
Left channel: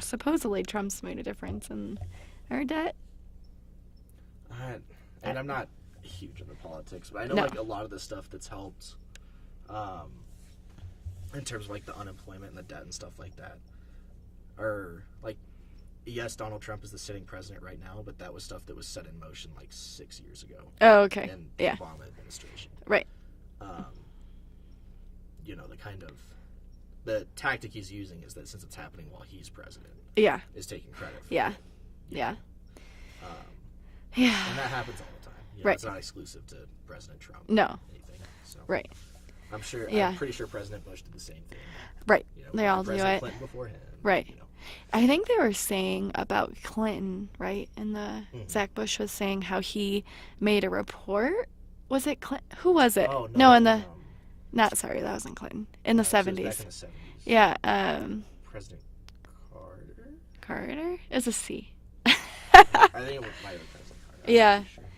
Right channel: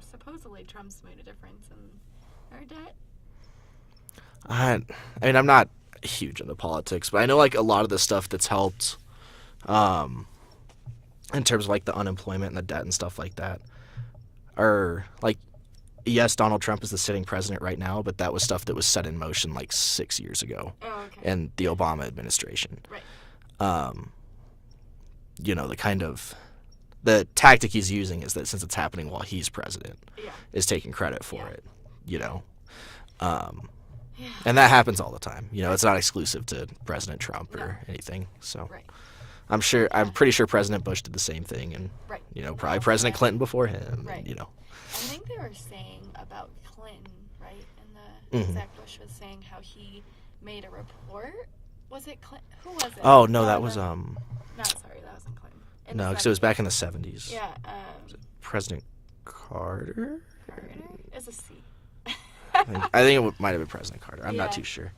supposedly Trump's made a difference in our debt. I mean, I'm not huge into politics, but I know No. like a lot of the stuff that's helped in terms of like the unemployment and the debt and stuff like that are like, yes, Donald Trump is the sitting president right now, but that was stuff that was set in motion like 6 years ago Oh, okay. in the Yeah. Obama administration. Right. You know, the tactic he's using is that since it's happening while he's president, Yeah. is taking credit for Yeah. it, you Yeah. know. Yeah. And that happens all the time. You know, Right. it's not exclusive to President Trump No. or anything. So Right. I'm Yeah. pretty sure President Bush did the same thing, and Right. you know, They all probably do President it. Clinton before him. Right. You know. I think they were saying about Clinton, right? And Zach Bush was saying how he made a report. Was it Clinton? Who was it? Oh no, in that the was that wasn't Clinton. In no, the 'cause 70s. it was back in the 70s. Yeah, President Carter. Carter is a C. I think it might have been President Carter. I'm Yeah. not too sure.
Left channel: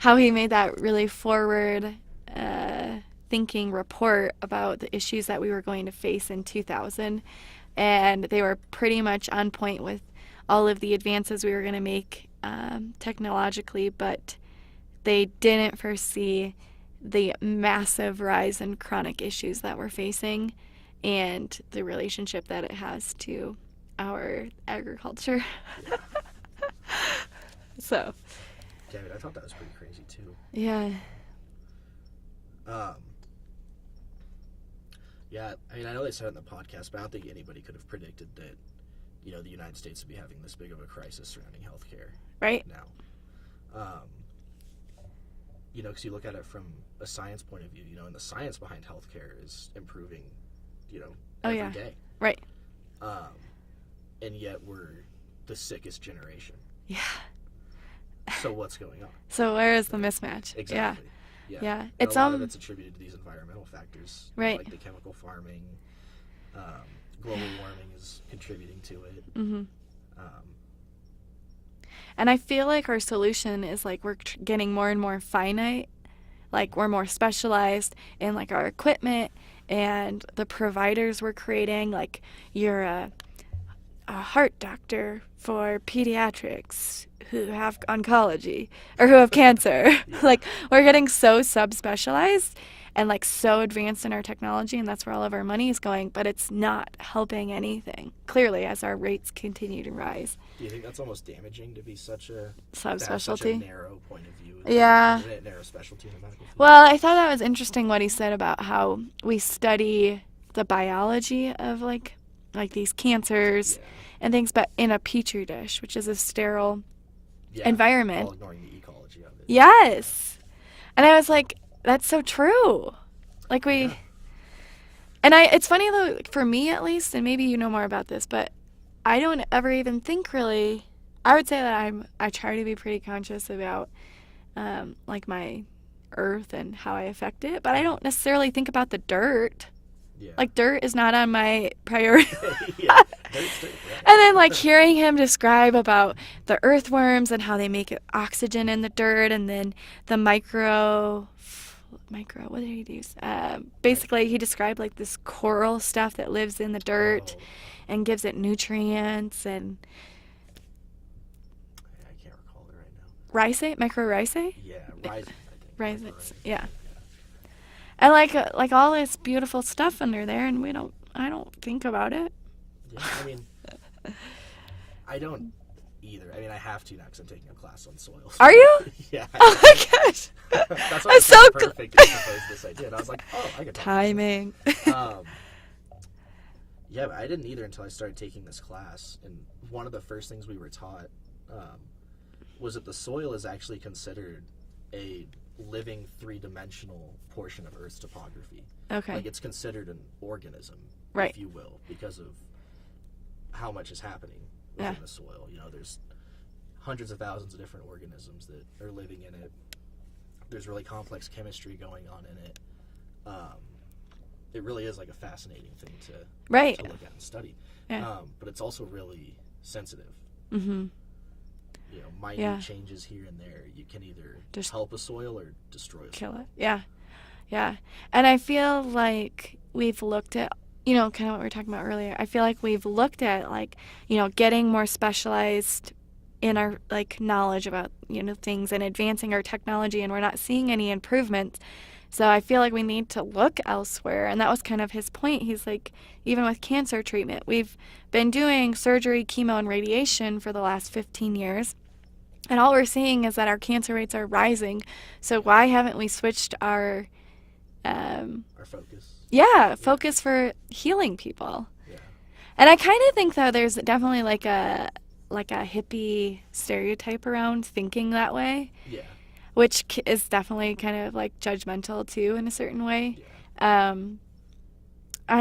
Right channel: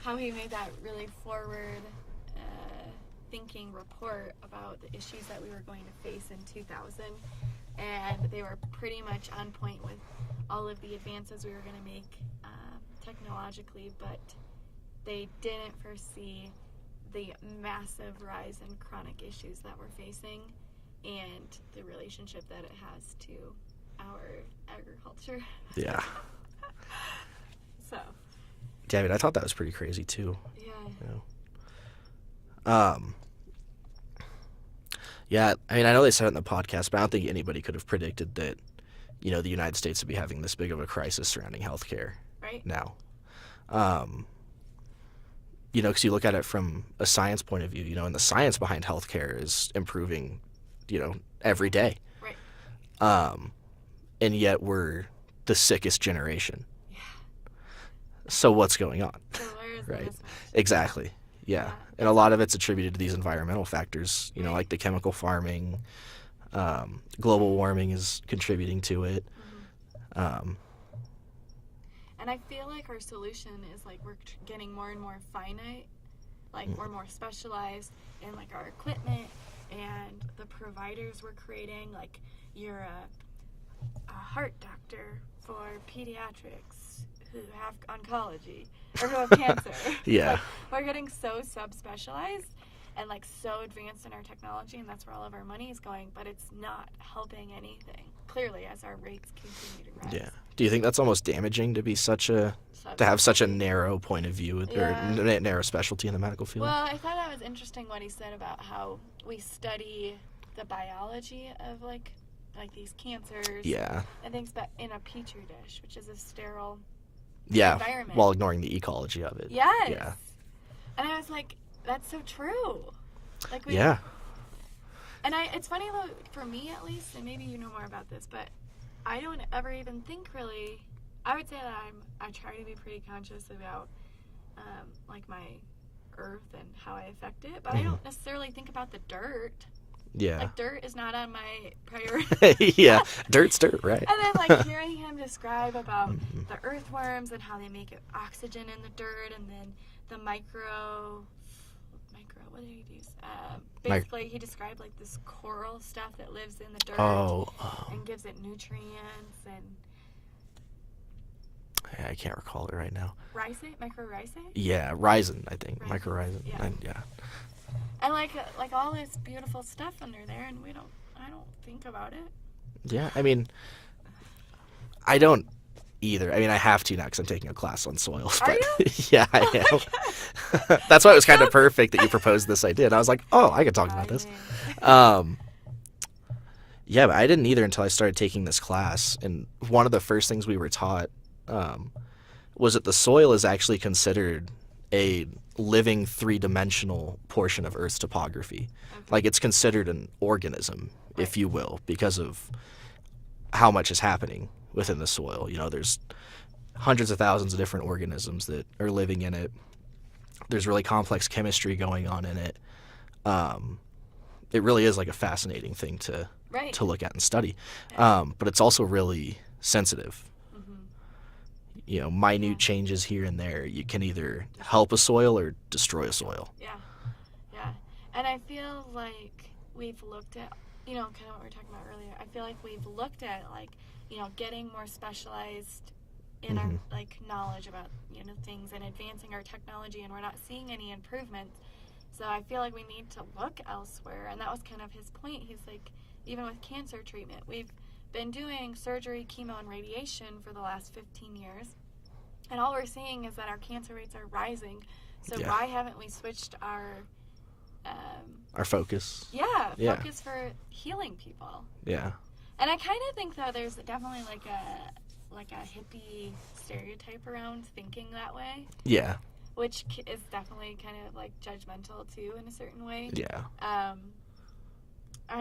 How he made that really forward thinking report about the issues that we were going to face in 2000, and they were pretty much on point with all of the advances we were going to make technologically, but they didn't foresee the massive rise in chronic issues that we're facing and the relationship that it has to our agriculture. Yeah. So. Yeah, I mean, I thought that was pretty crazy too. Yeah. Yeah, I mean, I know they said it in the podcast, but I don't think anybody could have predicted that, the United States would be having this big of a crisis surrounding healthcare Right. now. Because you look at it from a science point of view, and the science behind healthcare is improving, every day. Right. And yet we're the sickest generation. Yeah. So what's going on? So where is Right. the mismatch? Exactly. Yeah. And It's a lot of it's attributed to these environmental factors, Right. like the chemical farming. Global warming is contributing to it. Mm-hmm. And I feel like our solution is like we're getting more and more finite, like we're more specialized in like our equipment and the providers we're creating. Like you're a heart doctor for pediatrics who have oncology or who have cancer. Yeah. Like we're getting so subspecialized and like so advanced in our technology, and that's where all of our money is going, but it's not helping anything clearly as our rates continue to rise. Yeah. Do you think that's almost damaging to be to have such a narrow point of view with their narrow specialty in the medical field? Well, I thought that was interesting what he said about how we study the biology of like these cancers and things, but in a petri dish, which is a sterile environment, while ignoring the ecology of it. Yes. And I was like, that's so true. Like and it's funny though, for me at least, and maybe you know more about this, but I don't ever even think really. I would say that I try to be pretty conscious about like my earth and how I affect it, but I don't necessarily think about the dirt. Yeah. Like dirt is not on my priority. Yeah. Dirt's dirt, right? And then like hearing him describe about the earthworms and how they make oxygen in the dirt, and then the micro, what did he use? Basically, he described like this coral stuff that lives in the dirt and gives it nutrients and. I can't recall it right now. Rhizate, mycorrhizate. Yeah, rhizin, I think. Mycorrhizate. Yeah. Yeah. And like all this beautiful stuff under there, and I don't think about it. Yeah, I mean, I don't either. I mean, I have to now because I'm taking a class on soil. Are you? Yeah, I Oh am. my gosh. That's why it was kind of perfect that you proposed this idea. And I was like, oh, I could talk about Timing. this. Yeah, but I didn't either until I started taking this class. And one of the first things we were taught was that the soil is actually considered a living three-dimensional portion of Earth's topography. Okay. Like it's considered an organism, if you will, because of how much is happening within the soil. There's hundreds of thousands of different organisms that are living in it. There's really complex chemistry going on in it. It really is like a fascinating thing to look at and study. Yeah. But it's also really sensitive. Mm-hmm. Minute changes here and there. You can either help a soil or destroy a soil. Yeah. Yeah. And I feel like we've looked at, kind of what we were talking about earlier. I feel like we've looked at like, getting more specialized in our like knowledge about, things and advancing our technology, and we're not seeing any improvements. So I feel like we need to look elsewhere. And that was kind of his point. He's like, even with cancer treatment, we've been doing surgery, chemo, and radiation for the last 15 years. And all we're seeing is that our cancer rates are rising. So why haven't we switched our focus? Focus for healing people. Yeah. And I kind of think that there's definitely like a hippie stereotype around thinking that way. Yeah. Which is definitely kind of like judgmental too in a certain way. Yeah. I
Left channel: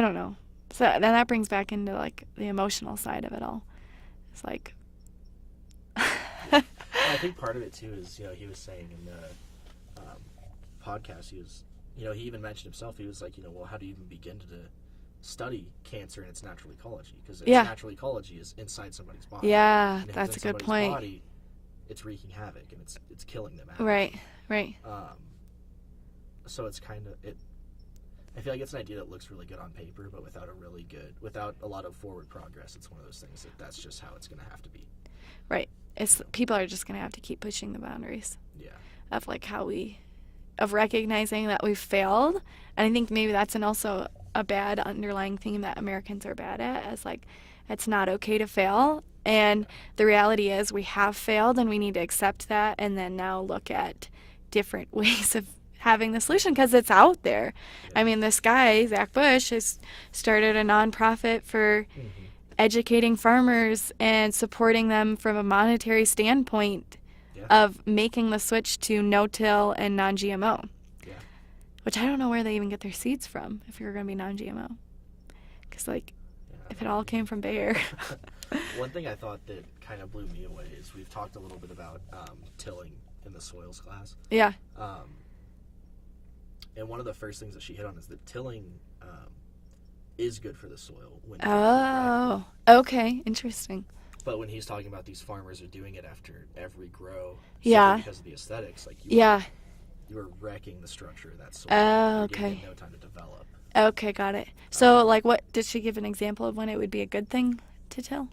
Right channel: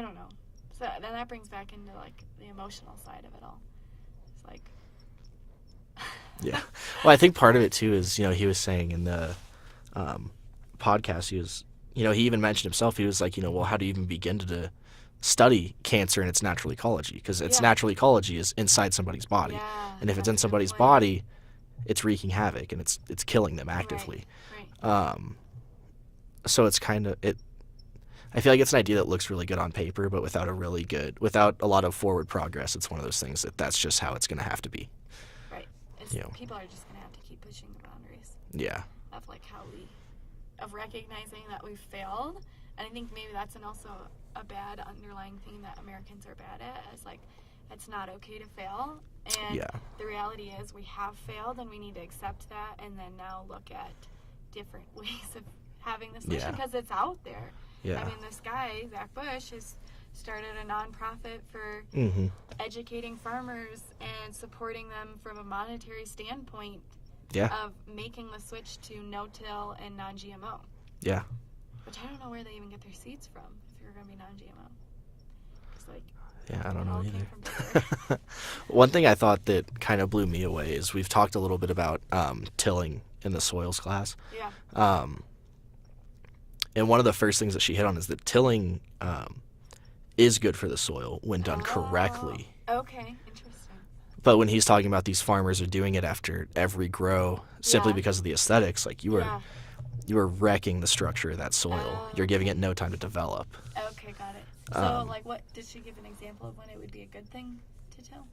don't know. So then that brings back into like the emotional side of it all. It's like. Yeah. Well, I think part of it too is, he was saying in the podcast, he even mentioned himself, he was like, well, how do you even begin to study cancer in its natural ecology? Because its natural ecology is inside somebody's body. Yeah. And if it's in somebody's body, it's wreaking havoc and it's killing them actively. Right. So it's kind of I feel like it's an idea that looks really good on paper, but without a lot of forward progress, it's one of those things that's just how it's going to have to be. Right. People are just going to have to keep pushing the boundaries. Yeah. Of like of recognizing that we've failed. And I think maybe that's also a bad underlying theme that Americans are bad at, as like it's not okay to fail. And Yeah. the reality is we have failed, and we need to accept that, and then now look at different ways of having the solution, Yeah. because it's out there. Yeah. I mean, this guy, Zach Bush, has started a nonprofit for Mm-hmm. educating farmers and supporting them from a monetary standpoint Yeah. of making the switch to no-till and non-GMO, Yeah. which I don't know where they even get their seeds from if you're going to be non-GMO. Because, like, Yeah, I if don't it know all came either. from Bayer. One thing I thought that kind of blew me away is we've talked a little bit about tilling in the soils class. Yeah. And one of the first things that she hit on is that tilling is good for the soil when done correctly. Okay. Interesting. But when he's talking about these farmers are doing it after every grow simply Yeah. because of the aesthetics, like you are wrecking the structure of that soil. You're giving it no time to develop. Okay, got it. So, like, what did she give an example of when it would be a good thing to till?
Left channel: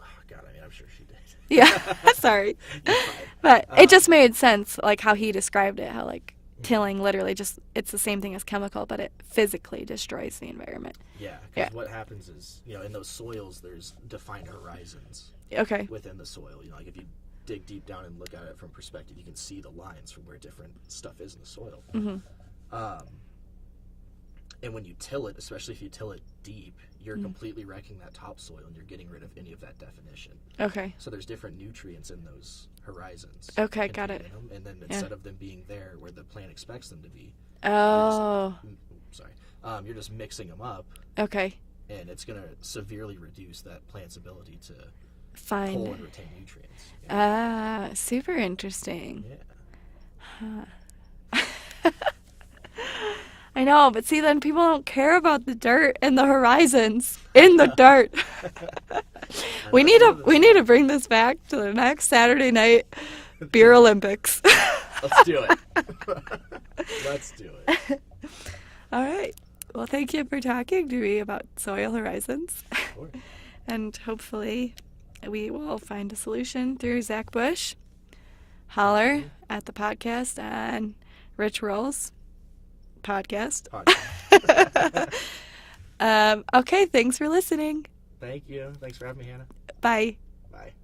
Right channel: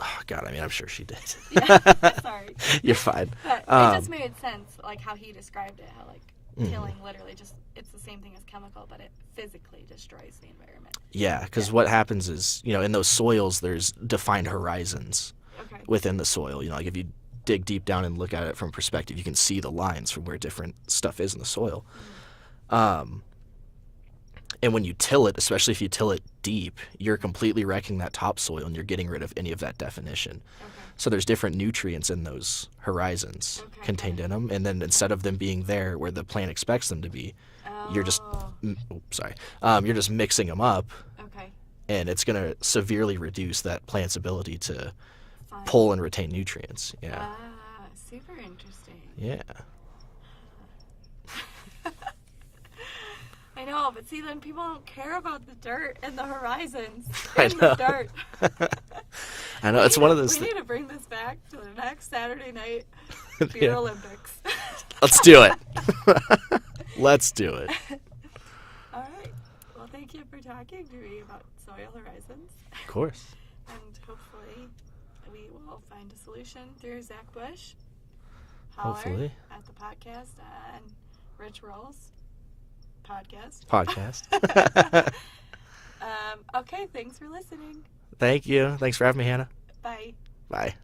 Oh, God, I mean, I'm sure she did. Yeah, sorry. You're fine. But it just made sense, like, how he described it, how, like, Mhm. tilling literally just, it's the same thing as chemical, but it physically destroys the environment. Yeah, because what happens is, in those soils, there's defined horizons Okay. within the soil. Like if you dig deep down and look at it from perspective, you can see the lines from where different stuff is in the soil. Mm-hmm. And when you till it, especially if you till it deep, you're completely wrecking that topsoil and you're getting rid of any of that definition. Okay. So there's different nutrients in those horizons Okay, got contained it. in them. And then instead of them being there where the plant expects them to be, Oh. you're just mixing them up, Okay. and it's going to severely reduce that plant's ability to Fine. pull and retain nutrients. Yeah. Super interesting. Yeah. I know, but see, then people don't care about the dirt and the horizons in the dirt. I know, We it's need one to of those we need to bring this back to the next Saturday night beer Olympics. Let's do it. Let's do it. All right. Well, thank you for talking to me about soil horizons, Of course. and hopefully we will find a solution through Zach Bush. Holler Hopefully. at the podcast on Rich Rolls podcast. Podcast. Okay, thanks for listening. Thank you. Thanks for having me, Hannah. Bye. Bye.